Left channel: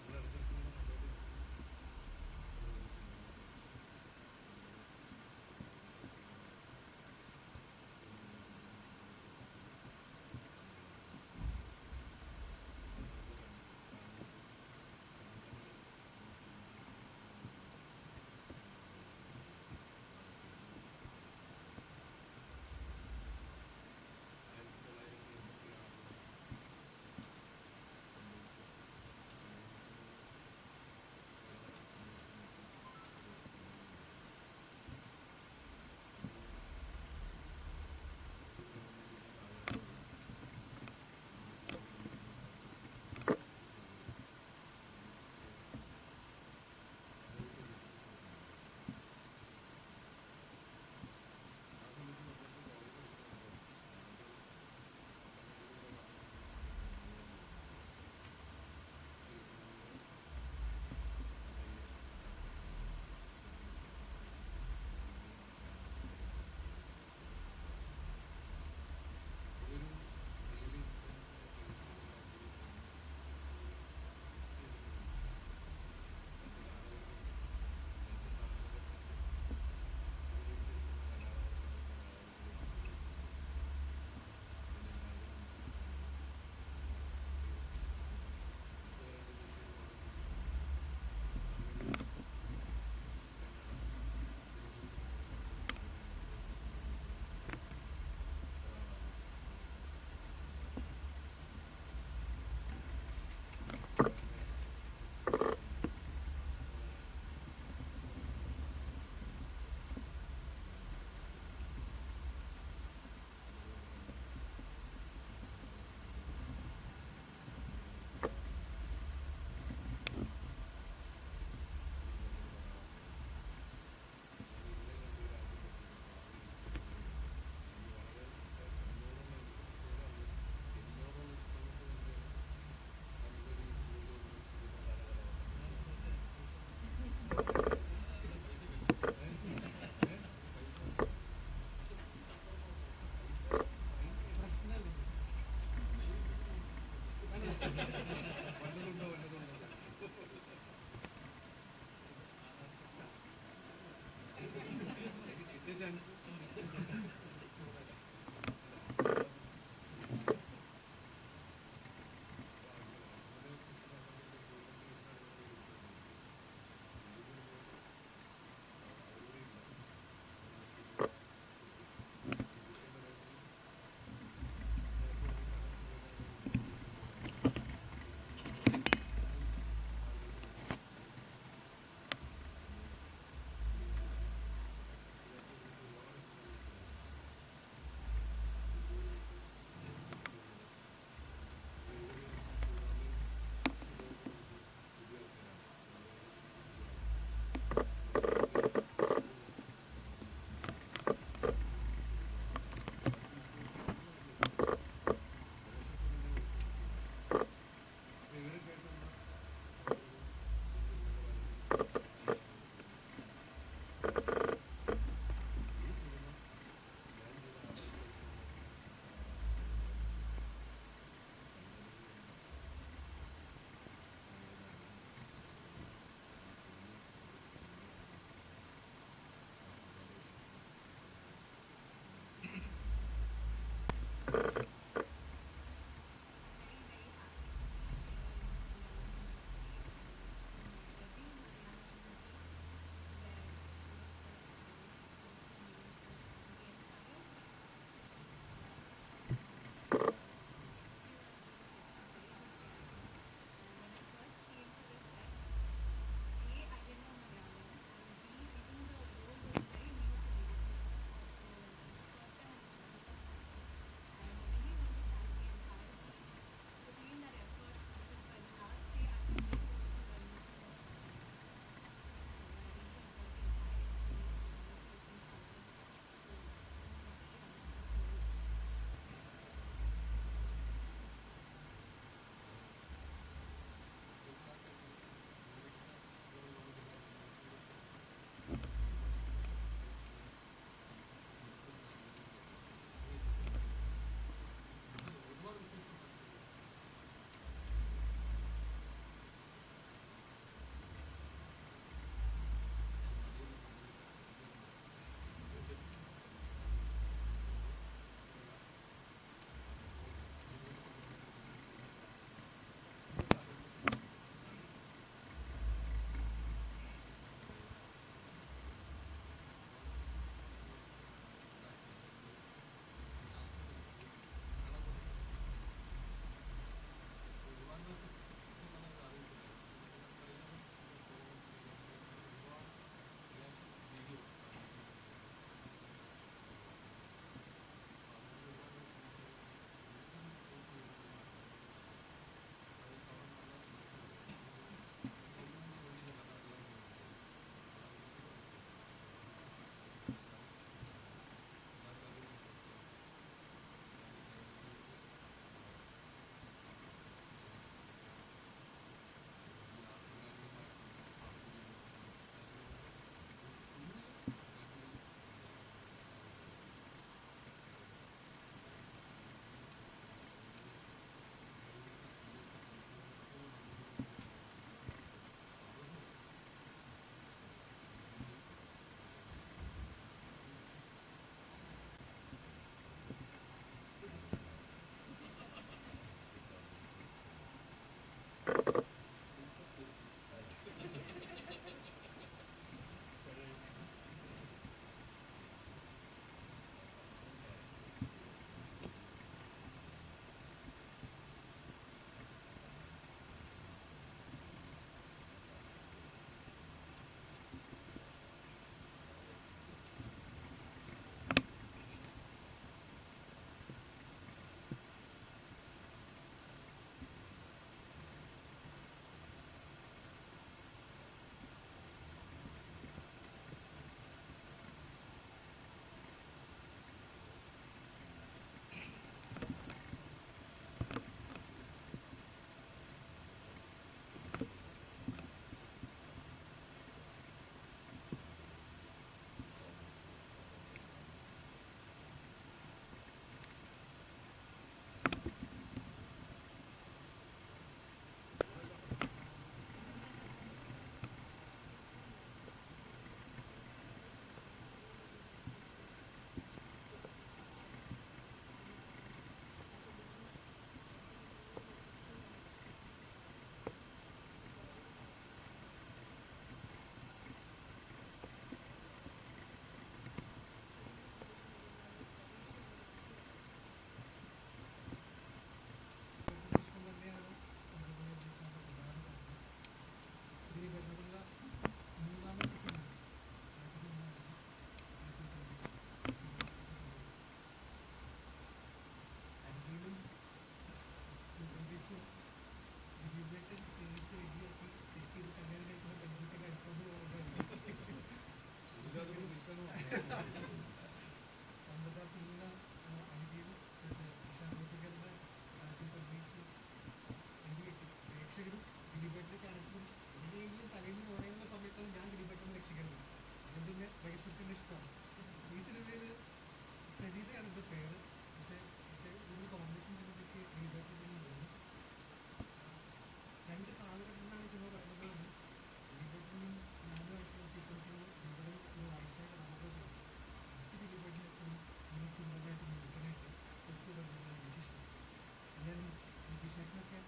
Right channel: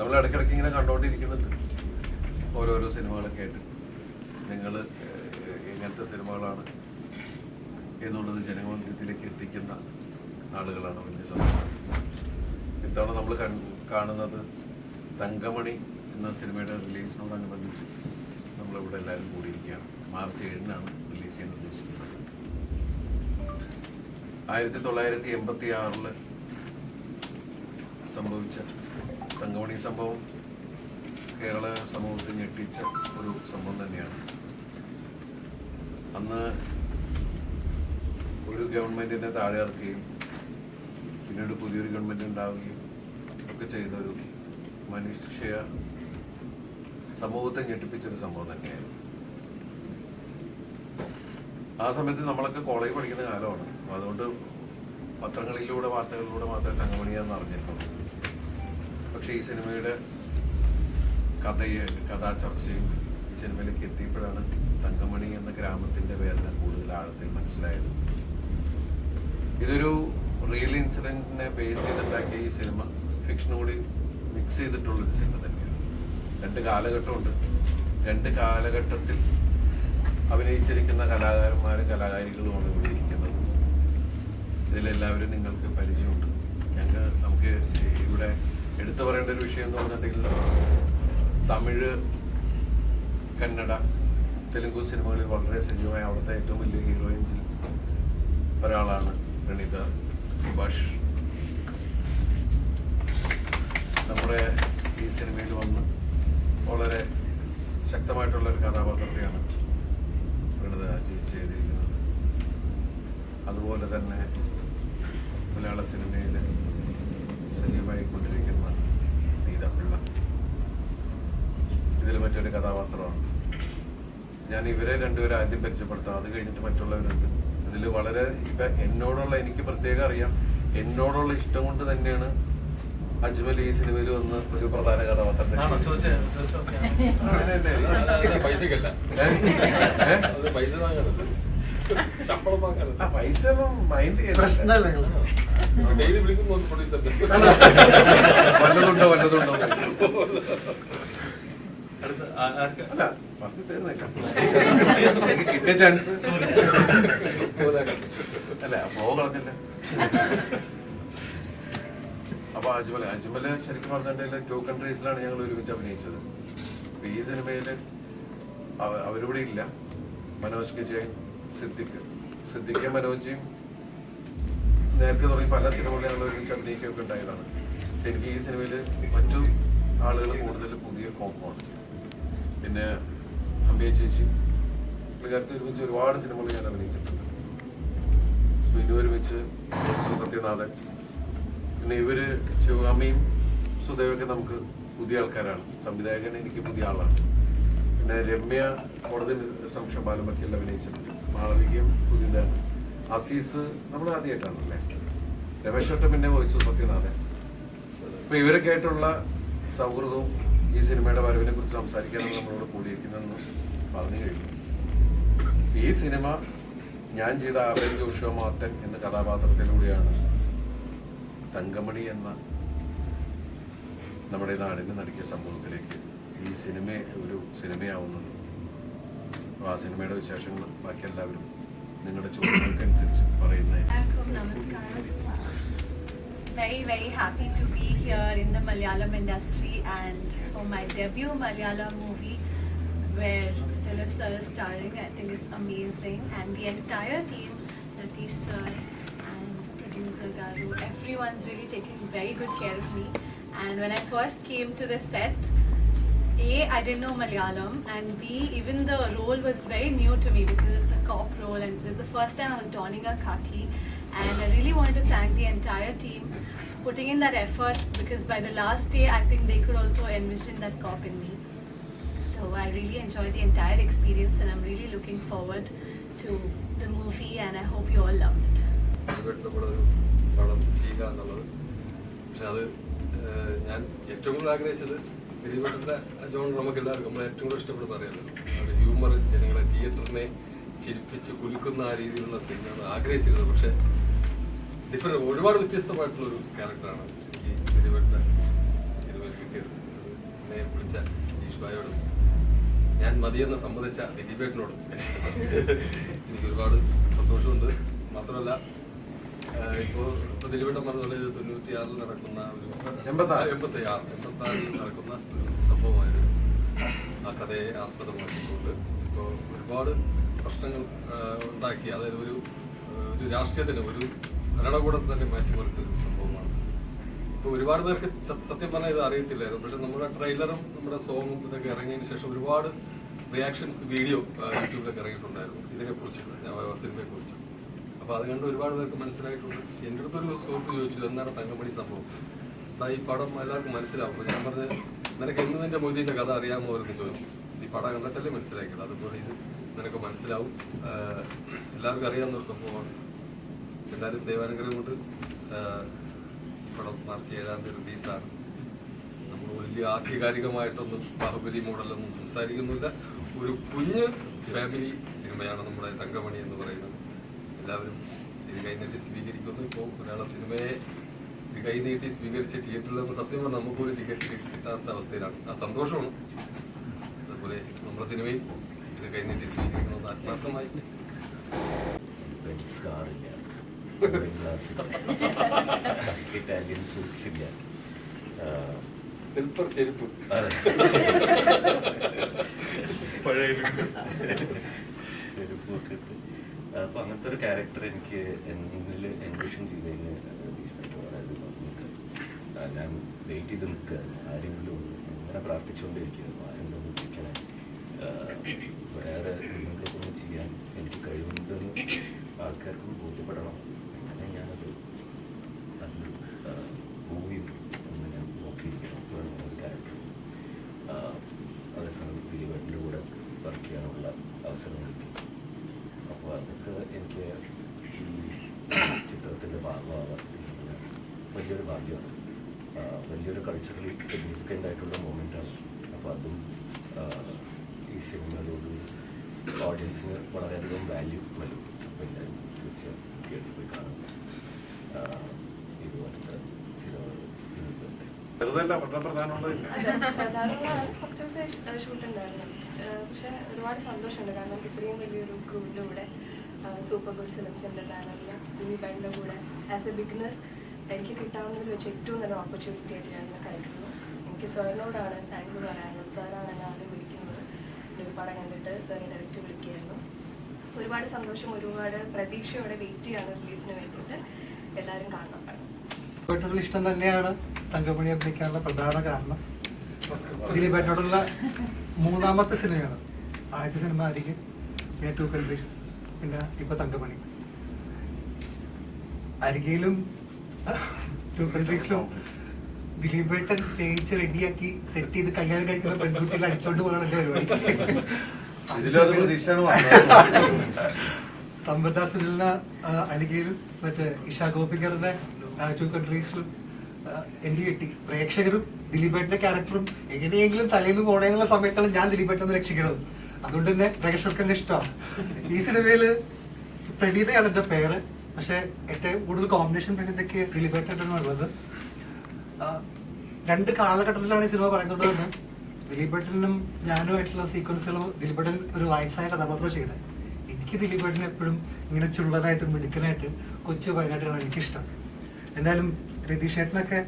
നമ്മൾ ഇടയ്ക്കിടയ്ക്ക് ഇങ്ങനെ കണ്ടുകൊണ്ടിരിക്കുന്നുണ്ട് ഓരോരോ സിനിമകളൊക്കെ ആയിട്ട്. നിങ്ങൾ എങ്ങനത്തെ സിനിമകളാണ് എന്നുള്ളത് ജനങ്ങളിലേക്ക് എത്തിക്കുന്ന ആളുകളാണ് വലിയ സന്തോഷം. ഇത്തവണ നമ്മൾ കാണുന്നത് തങ്കമണി എന്ന സിനിമയുടെ റിലീസിനോടനുബന്ധിച്ച് നമ്മളിവിടെ എല്ലാവരും കൂടിയിരിക്കുകയാണ്. മാർച്ച് 7-നാണ് റിലീസ് ചെയ്യാൻ ഉദ്ദേശിക്കുന്നത്. 1986 സംഭവിച്ച തങ്കമണി സംഭവം കേരള സമൂഹത്തെ ഞെട്ടിച്ച ഒരു സംഭവം തന്നെയാണ്. അന്ന് ഒരു ഗവൺമെന്റിനെ താഴെ ഇറക്കുകയും പിന്നീട് പുതിയൊരു ഗവൺമെന്റ് ഉണ്ടാവുകയും ഒക്കെ ചെയ്ത ഒരു മനുഷ്യ സമൂഹത്തെ ഞെട്ടിപ്പിച്ചൊരു സംഭവം തന്നെയായിരുന്നു. ആ സമയത്ത് നമ്മളൊക്കെ കോളേജ് പഠിക്കുന്ന കാലമാണ്. അതുകൊണ്ട് പത്രങ്ങളിലൂടെ വാർത്തകളിലൂടെ മാത്രമേ തങ്കമണിയാന്ന് അറിഞ്ഞിട്ടുള്ളൂ. പക്ഷെ ഈ സിനിമയുടെ കഥാചർച്ചയും ഈ സിനിമയിലേക്ക് എത്തിയപ്പോഴാണ് തങ്കമണി എന്ന ഗ്രാമത്തിന്റെ വേദന കൂടുതൽ ആഴത്തിൽ മനസ്സിലായത്. ഇതൊരു റിയൽ ഇൻസിഡന്റിനെ ബേസ് ചെയ്തുണ്ടാക്കിയ ഈ സിനിമ ഫിക്ഷൻ കൂടി മിക്സ് ചെയ്തിട്ടുള്ളൊരു സിനിമ തന്നെയാണ്. 2 കാലഘട്ടമുണ്ട്. 2 കാലഘട്ടത്തിൽ അഭിനയിച്ചിരിക്കുന്ന കലാകാരന്മാരും കലാകാരികളുമാണ് ഇവിടെ ഇരിക്കുന്നത്. ഇതിലെല്ലാവരും നിങ്ങൾക്ക് പരിചയമുണ്ട്. നമുക്ക് ഇവിടെ എടുത്തു പറയേണ്ട ഒരു വിഷയം എന്ന് പറഞ്ഞിട്ടുണ്ടെങ്കിൽ തമിഴ്, കന്നഡ, തെലുങ്ക് സിനിമകളിൽ വളരെ സജീവമായ അവിടുത്തെ ഏറ്റവും വലിയ ഹീറോയിൻസിൽ ഒരാളാണ് പ്രണീത സുഭാഷ്. നമ്മുടെ ഈ സിനിമയിൽ വന്ന് വളരെ ശക്തമായിട്ടുള്ളൊരു കഥാപാത്രത്തെയാണ് പ്രണീത ചെയ്തിരിക്കുന്നത്. അതുപോലെ തന്നെ മലയാള സിനിമയിൽ സജീവമായി കൊണ്ടിരിക്കുന്ന നീത പിള്ള ഇതിൽ മറ്റൊരു കഥാപാത്രമാണ്. ഞാൻ ഇവരെ രണ്ടുപേരും ആദ്യം പരിചയപ്പെടുത്താം, അത് കഴിഞ്ഞിട്ട് മറ്റുള്ളവരുണ്ട്. ഇതിൽ വളരെ എനിക്ക് പ്രത്യേകം അറിയാം, എന്നോടുള്ള ഇഷ്ടം കൊണ്ട് തന്നെയാണ് അജ്മൽ ഈ സിനിമയിൽ വന്ന് ഒരു പ്രധാന കഥാപാത്രം. പൈസ മൈൻഡ് വല്ലതുണ്ടോ അല്ല പറഞ്ഞു തീർന്നില്ല. എനിക്ക് കിട്ടിയ ചാൻസ് അല്ല ഫ്ലോ കളഞ്ഞില്ല. അപ്പൊ അജ്മല് ശരിക്കും പറഞ്ഞിട്ടുണ്ടെങ്കിൽ 2 കൺട്രീസിലാണ് ഞങ്ങൾ ഒരുമിച്ച് അഭിനയിച്ചത്. അപ്പൊ ഈ സിനിമയില് അവരിവിടെ ഇല്ല. മനോജ് വിജയ്, സിദ്ദിഖ് മനോജും നേരത്തെ തുടങ്ങി പല സിനിമകളിൽ ഞങ്ങൾ ഒരുമിച്ച് അഭിനയിക്കുകയൊക്കെ ഉണ്ടായതാണ്. എനിക്ക് ഈ സിനിമയിൽ മറ്റു ആളുകൾ കൂടുതൽ പുതിയ കോമ്പൗണ്ട്. പിന്നെ അമ്പിയ ചേച്ചി പുള്ളിക്കാരത്തെ ഒരുമിച്ച് ഒരുപാട് സിനിമകൾ ഞാൻ അഭിനയിച്ചിട്ടുണ്ട്. സ്മിനു ഒരുമിച്ച്, സത്യനാഥൻ, പിന്നെ ഇവര് ശിവകാമിയും സുദേവൊക്കെ നമുക്ക് പുതിയ ആൾക്കാരാണ്. സംവിധായകൻ എനിക്ക് പുതിയ ആളാണ്. പിന്നെ രമ്യ കോടതി സംശയപാലമൊക്കെ അഭിനയിച്ചിട്ടുണ്ട്. മാളവികയും പുതിയ അസീസ് നമ്മൾ ആദ്യമായിട്ടാണ്. രമേശ് ഒട്ട പിന്നെ വോയിസ് സത്യനാഥൻ. അപ്പൊ ഇവരൊക്കെ ആയിട്ടുള്ള സൗഹൃദവും ഈ സിനിമയുടെ വരവിനെ കുറിച്ച് സംസാരിക്കാനാണ് നമ്മളോട് കൂടിയിരിക്കുന്നതെന്ന് പറഞ്ഞു കഴിഞ്ഞു. ഈ സിനിമ ഞാൻ ചെയ്ത ആബേൽ ജോഷുവ മാർട്ടൻ എന്ന കഥാപാത്രത്തിലൂടെയാണ് തങ്കമണി എന്ന നമ്മുടെ നാടിന് നൽകിയ സംഭവത്തിലേക്ക് ഈ സിനിമ ഒരു സിനിമയാവുന്നത്. ആ സിനിമയുടെ വിശേഷങ്ങൾ ബാക്കി എല്ലാവരും നിങ്ങളുടെ ചോദ്യങ്ങൾക്കനുസരിച്ച് പറയുന്നതായിരിക്കും. Very, very happy to be here in the Malayalam industry and for my debut Malayalam movie where Philip sir is starring. I think it's amazing, and the entire team, Natish sir and producer Garu, everyone's really taking very good care of me. And when I first came to the set, A, I didn't know Malayalam, and B, even the role was very new to me because it's a cop role and this is the first time I was donning a khaki. And I really wanted to thank the entire team for putting in that effort, because by the last day I think they could also envision that cop in me. So I really enjoyed the entire experience and I'm really looking forward to the movie and I hope you all loved it. പക്ഷെ അത് ഞാൻ ഏറ്റവും കൂടുതൽ ആഗ്രഹിച്ചത് ദിലീപേട്ടൻ്റെ John നമുക്ക് എല്ലാവർക്കും നമ്മൾ ഏറ്റവും കൂടുതൽ ഇഷ്ടപ്പെടുന്ന അറിയാമല്ലോ. അത് ഹ്യൂമർ ജനങ്ങളെ തിയേറ്ററിനെ ചിരിപ്പിച്ച് കുലുക്കുന്ന ആ രീതിയിലുള്ള സിനിമയാണ് ആഗ്രഹിച്ചിരുന്നത്. പക്ഷെ ഒരുപാട് വ്യത്യസ്തമായിട്ടുള്ളൊരു ക്യാരക്ടറാണ് ഈ ദിലീപേട്ടൻ്റെ സിനിമയിൽ കിട്ടിയത്. മതിയെന്ന് സമ്മതിച്ച ദിലീപേട്ടനോട് എനിക്ക് ഒരുപാട് സന്തോഷമുണ്ട്. മാത്രമല്ല ഇപ്പോൾ ദിലീപേട്ടൻ പറഞ്ഞ പോലെ ഇത് 96 നടക്കുന്ന ഒരു 86 നടക്കുന്ന ഒരു സംഭവമായിരുന്നു. ആ കഥയെ ആസ്പദമാക്കിക്കൊണ്ട് ഇപ്പോൾ ഒരുപാട് പ്രശ്നങ്ങൾ ഉണ്ടാക്കി, അതായത് ഒരു രാഷ്ട്രീയത്തിന് ഒരു ഭരണകൂടം തന്നെ മാറ്റിമറിച്ചൊരു സംഭവമാണ്. ഇപ്പോൾ ഒരുപാട് പേർക്ക് സത്യം പറഞ്ഞാൽ ഇത് അറിയത്തില്ലായിരുന്നു. പക്ഷെ നമ്മുടെ ട്രെയിലറും നമ്മുടെ സോങ്ങും ഇതൊക്കെ ഇറങ്ങിയതിന് ശേഷം ഒരുപാട് റിയാക്ഷൻസ് വീഡിയോ യൂട്യൂബിലൊക്കെ ഇറങ്ങിയിട്ടുണ്ടായിരുന്നു ഇതിനെക്കുറിച്ച്, സിനിമയെക്കുറിച്ച്. അപ്പോൾ അത് കണ്ട് ഒരുപാട് പേർക്ക് മനസ്സിലായിട്ടുണ്ട്. എൻ്റെ അടുത്തൊരു സുഹൃത്ത് ചോദിച്ചു എന്താണ് തങ്കമണി സംഭവം, ഈ പടം എല്ലാവർക്കും മനസ്സിലാവും. അപ്പോൾ ഞാൻ പറഞ്ഞത് നിനക്ക് എന്ന് നിന്റെ മൊയ്തീൻ്റെ കഥ അറിയാമോ എന്ന് ചോദിച്ചു. ഈ പടം കണ്ടിട്ടല്ലേ മനസ്സിലാക്കിയത്, അതുപോലെ ഇത് നിനക്ക് മനസ്സിലാവും, എല്ലാവർക്കും അറിയാവുന്നൊരു സംഭവമാണ്. എന്നാലും ദൈവാനുഗ്രഹം കൊണ്ട് ഈ പടം മാർച്ച് 7-ാം തീയതി റിലീസാണ്. നമ്മൾ വലിയ ആധികാരികമായിട്ടൊന്നും ബാഹുബലി മോഡലൊന്നും സംസാരിക്കുന്നില്ല. ഒരു കുഞ്ഞ് ഫാമിലി സിനിമയാണ് നമ്മുടെ തങ്കമണി എന്ന് പറയുന്നത്. എല്ലാവരും ഇത് കൈനീട്ടി സ്വീകരിക്കുന്നു. ഇപ്പോൾ ഒരാളെ സിനിമയെ കൈനീട്ടി സ്വീകരിച്ച് തിയേറ്ററിലൊന്നും സത്യം പറഞ്ഞാൽ നമുക്കൊരു ടിക്കറ്റ് കിട്ടാത്ത അവസ്ഥയിലാണ്. ആ സന്തോഷമാണ്. അതുപോലെ നമ്മുടെ സിനിമയും ഇത് കൈനീട്ടി സ്വീകരിക്കണമെന്ന് ആത്മാർത്ഥമായി. ഇറ്റാലിയൻ സ്വീറ്റ്സ് ഇല്ല, സിൽപ്പർ ചെരുപ്പ് ചെരുപ്പൊക്കെ ഇട്ട്. അപ്പൊ അങ്ങനത്തെ ഒരു ക്യാരക്ടർ എനിക്ക് എന്നിൽ എൻവിഷൻ ചെയ്തതിന് വളരെ നന്ദിയുണ്ട്. ഞാൻ വെയിറ്റ് ചെയ്ത് നിൽക്കുക, ആരെങ്കിലും ഇങ്ങനെ പ്രാർത്ഥിച്ചുകൊണ്ടിരിക്കുന്നു, ആരെങ്കിലും വിളിക്കണം, വേറെ എന്തെങ്കിലുമൊക്കെ ചെയ്യാൻ എനിക്ക് കഴിയുന്നതെന്ന് ആൾക്കാർക്ക് ബോധ്യപ്പെടണം. അങ്ങനെ ഞാനത് നല്ലൊരു മൂവിയുണ്ട് എന്ന് ഞാൻ നോക്കിയിരിക്കണം ഒരു ക്യാരക്ടർ. അതേസമയം ദിലീപേട്ടൻ്റെ കൂടെ വർക്ക് ചെയ്യാനുള്ള അവസരം കിട്ടി. അപ്പോൾ അതൊക്കെ എനിക്ക് ഈ ചിത്രത്തിൻ്റെ ഭാഗമാകാൻ വലിയൊരു ഭാഗ്യമാണ്, വലിയൊരു കൾച്ചറലി സിഗ്നിഫിക്കൻ്റ് ആയിട്ടുള്ള മൊമെൻ്റാണ്. അപ്പോൾ അതും ഈ സിനിമയിലോട് ഓഡിയൻസിന് വളരെയധികം വാല്യൂ നൽകും. അപ്പോൾ എല്ലാവരും തീർച്ചയായും തിയേറ്ററിൽ പോയി കാണുന്നു. ഇതുപോലത്തെ സിനിമകൾ കുറച്ച് ദിവസം ഷൂട്ട് ഉണ്ടായിരുന്നു. പക്ഷെ ഒരുപാട് സന്തോഷമുണ്ട്, കാരണം ഇത്രയും വലിയൊരു ക്രൂവിൻ്റെ കൂടെ സൂപ്പർ ഗുഡ് ഫിലിംസിൻ്റെ ബാനറിൽ ദിലീപേട്ടൻ്റെ കൂടെ ആസ് എ ബിഗിനർ എനിക്ക് കിട്ടാവുന്നതിൽ വെച്ച് ഏറ്റവും നല്ല ഓപ്പർച്യൂണിറ്റി ആയിട്ട് ഞാൻ കരുതുന്നു. എനിക്ക് സാറിനോടാണ് താങ്ക്സ് പറയാനുള്ളത്. സാറാണ് എന്നെ ആദ്യം വിളിക്കുന്നത്. ഒരു പടം കണ്ടിട്ട് സാറിനെ ഡയറക്റ്റ് വിളിക്കുകയായിരുന്നു. ഒരുപാട് സന്തോഷം, ഒരുപാട് പ്രതീക്ഷയോടെ വെയിറ്റ് ചെയ്യാണ് റിലീസിന് വേണ്ടിയിട്ട്. എല്ലാവരും കാണണം. ഇഷ്ടം തന്നെയാണ് തങ്കമണി അഭിനയിക്കാനുള്ള പ്രധാന കാരണം. ദിലീപേട്ടനോടുള്ള 3ാമത്തെ സിനിമയാണ്. ആദ്യത്തെ സിനിമ ആയിരിക്കും, പിന്നെ 2 കൺട്രീസ്, പിന്നെ ഇപ്പൊ തങ്കമണി. അരികയിലും 2 കൺട്രീസിലും ദിലീപേട്ടൻ സ്റ്റേജ് റെഡിയാക്കി സെറ്റ് ചെയ്ത് കല്യാണം കഴിക്കുന്ന പെൺകുട്ടികൾ അടിച്ചോണ്ട് പോകണം എന്റെ പരിപാടി. സമ്പദ സുനിലിന അരികയിലും മറ്റേ ഇഷാ ഗോപികറിന്റെ 2 കൺട്രീസിലും എനിക്ക് കിട്ടി. പ്രേക്ഷകരും ദിലീപേട്ടന്റെ ക്യാരക്ടറും എങ്ങനെയെങ്കിലും തലേന്ന് പോണേന്നുള്ള സമയത്താണ് ഞാൻ ദിലീപേട്ടനെ രക്ഷിക്കണത്. അതുകൊണ്ട് തന്നെ പ്രേക്ഷകർക്ക് തന്നെ ഇഷ്ടമാണ്. ഈ സിനിമയില് പ്രണീതയാണ് എന്റെ പേര്, പക്ഷെ ഏറ്റവും കൂടുതൽ കോമ്പിനേഷൻ പ്രണീതയ്ക്ക് ദിലീപേട്ടനുള്ളത്. 2 കാലഘട്ടത്തിലാണ് ഈ സിനിമ പറയുന്നത് തന്നെ. ദിലീപേട്ടനും ഞാനുമായിട്ടുള്ള സീക്വൻസുകളും ദിലീപേട്ടൻ ഒരു വയസ്സായ കഥാപാത്രം ചെയ്തത്. എനിക്ക് ദിലീപേട്ടൻ എപ്പോഴും ഇങ്ങനെ ചുള്ളനായിട്ടും മിടുക്കനായിട്ട് കൊച്ചു വയനാട്ടിലാണ് എനിക്കിഷ്ടം. എന്തായാലും രതീഷ് ചേട്ടനൊക്കെ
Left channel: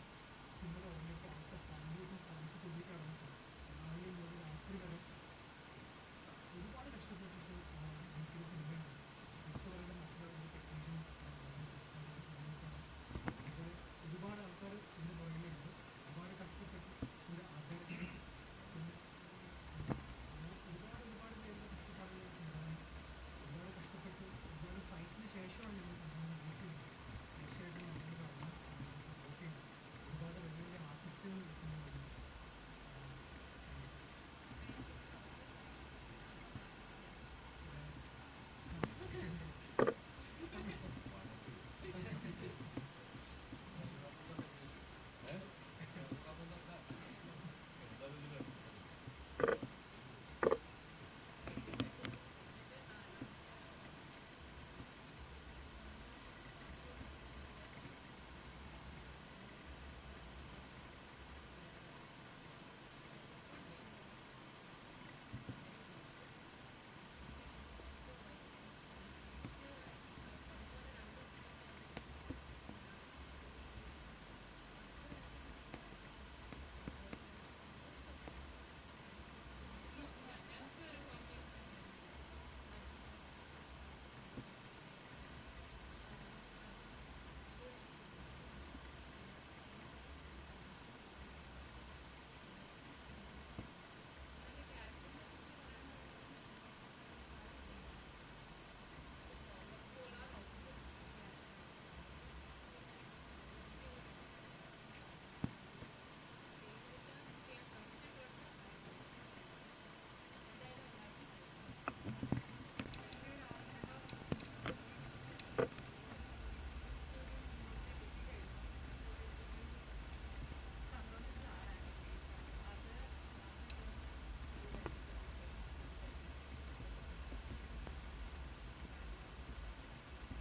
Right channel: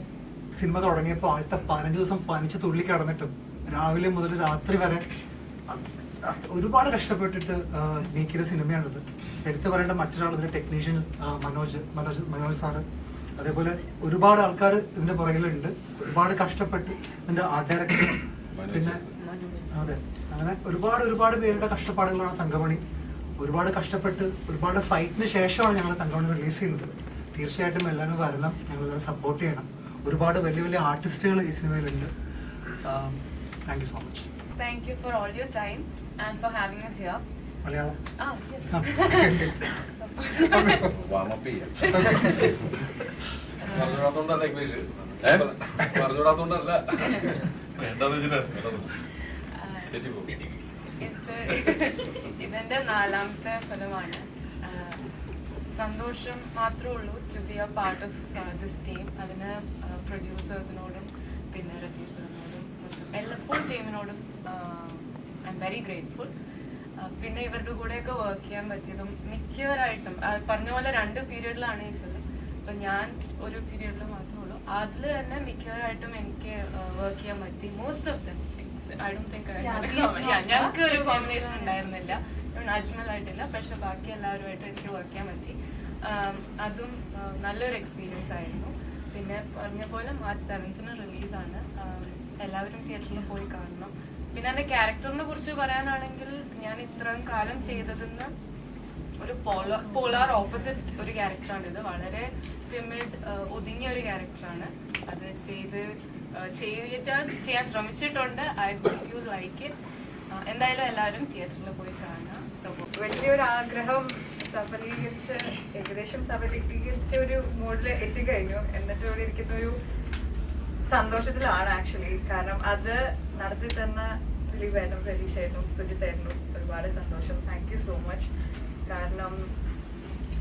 സിനിമ തുടങ്ങിയപ്പോൾ ആദ്യത്തെ 15 ദിവസം പനിച്ച് തുള്ളി കിടന്നിട്ടും രാവിലെ മുതൽ രാത്രി വരെ ഒരുപാട് കഷ്ടപ്പെട്ടിട്ട് നീക്കിയ സിനിമയാണിത്. എടുത്തു പറയേണ്ട മറ്റൊരാൾ ഇതിന്റെ ടെക്നീഷ്യൻ മനോജ് സാറ്, അതേപോലെ ഒരുപാട് ആൾക്കാർ ഇതിന്റെ പുറകിലുണ്ട്. ഒരുപാട് കഷ്ടപ്പെട്ട് ഇതിന്റെ ആർട്ട് ഡയറക്ടർ, പിന്നെ അതെ, അങ്ങനെ ഒരുപാട് പേരുടെ കഷ്ടപ്പാടുകളാണ് തങ്കമണി. ഒരുപാട് കഷ്ടപ്പെട്ട് ഒരുപാട് ഫൈറ്റിന് ശേഷമാണ് ഞങ്ങൾ തങ്കമണി റിലീസ് ചെയ്യുന്നത്. തീർച്ചയായിട്ടും എല്ലാവരും വരണം, ഞങ്ങളെല്ലാവരും സപ്പോർട്ട് ചെയ്യണം. ഒരുപാട് വലിയ ആർട്ടിസ്റ്റുകൾ ഈ സിനിമയിലുണ്ട്. Thank you so much. Thank you for all your time and for having us here. Malayalam Yes. പറഞ്ഞുകൂടാത്തോണ്ടല്ല ഇംഗ്ലീഷ്, പറഞ്ഞുകൂടാത്തോണ്ടല്ല, വേണ്ടെന്ന് വെച്ചിട്ടാണ്. ഇതെന്റെ 4ാമത്തെ ഫിലിമാണ്. സന്തോഷം മാത്രമേ ഉള്ളൂ to be a part of this team. അതിന് പ്രൊഡ്യൂസേഴ്സിനോടും പിന്നെ രതീഷ് സാറിനോടും എല്ലാ ഫുൾ ടീമിനോടും ഐ എം വെരി ഗ്രേറ്റ്ഫുൾ. പിന്നെ ഇവരുടെ കൂടെയൊക്കെ വർക്ക് ചെയ്യാൻ പറ്റിയതും മിക്കവരായിട്ടും പറഞ്ഞ പോലെ 2 പീരീഡിലാണ് ഈ ഫിലിം. അപ്പം ഞാൻ ഒരു പീരീഡിൽ മാത്രമേ ഉള്ളൂ. അതിൽ തന്നെ മിക്കവരായിട്ടും എനിക്ക് വർക്ക് ചെയ്യാൻ പറ്റി. Most of them I don't think ഞങ്ങൾക്ക് ഒരു കോമ്പിനേഷൻ ഉണ്ടായിരുന്നില്ല, അജ്മൽ ആയിട്ടില്ല. പക്ഷെ ബാക്കി എല്ലാവരുമായിട്ട് എനിക്ക് വർക്ക് ചെയ്യാൻ പറ്റി. അതും നല്ലൊരു എക്സ്പീരിയൻസ് ആയിരുന്നു. പിന്നെ പറഞ്ഞ പോലെ മാർച്ച് 7th റിലീസാണ്. എല്ലാവരും തിയേറ്ററിൽ പോയി കാണണം. പിന്നെ എൻ്റെ ക്യാരക്ടറിനെ കുറിച്ച് പറയാനാണെങ്കിൽ ഞാൻ ഇത്രയും കാലം ചെയ്തതെന്ന് ഒരു പോളാർ ഓപ്പോസിറ്റ് ഒരു ക്യാരക്ടറാണ് ഇത്. വളരെ ടിമിഡ്, ഒതുങ്ങിയ ഒരു ക്യാരക്ടറാണ്. അത് ചെയ്യാൻ ശ്രമിച്ചിട്ടുണ്ട്. I hope you like it. എന്തായാലും എല്ലാവരും തിയേറ്ററിൽ പോയി കാണാം. വലിയൊരു ആഗ്രഹം ഏകദേശം സഫലീകരിച്ച ഒരു മോഡിൽ എത്തിക്കഴിഞ്ഞു. എന്നിട്ട് ഇവിടെ ഇരിക്കുന്ന ഒരു സന്തോഷത്തിലാണ് ആക്ച്വലി. കാരണം അത് നടത്തി തന്ന ദിലീപേട്ടനും പ്രതീക്ഷയായിരുന്നു, സുജിത്തായിരുന്നു. ഒരുപാട് സന്തോഷം. Thank you so much. കാരണം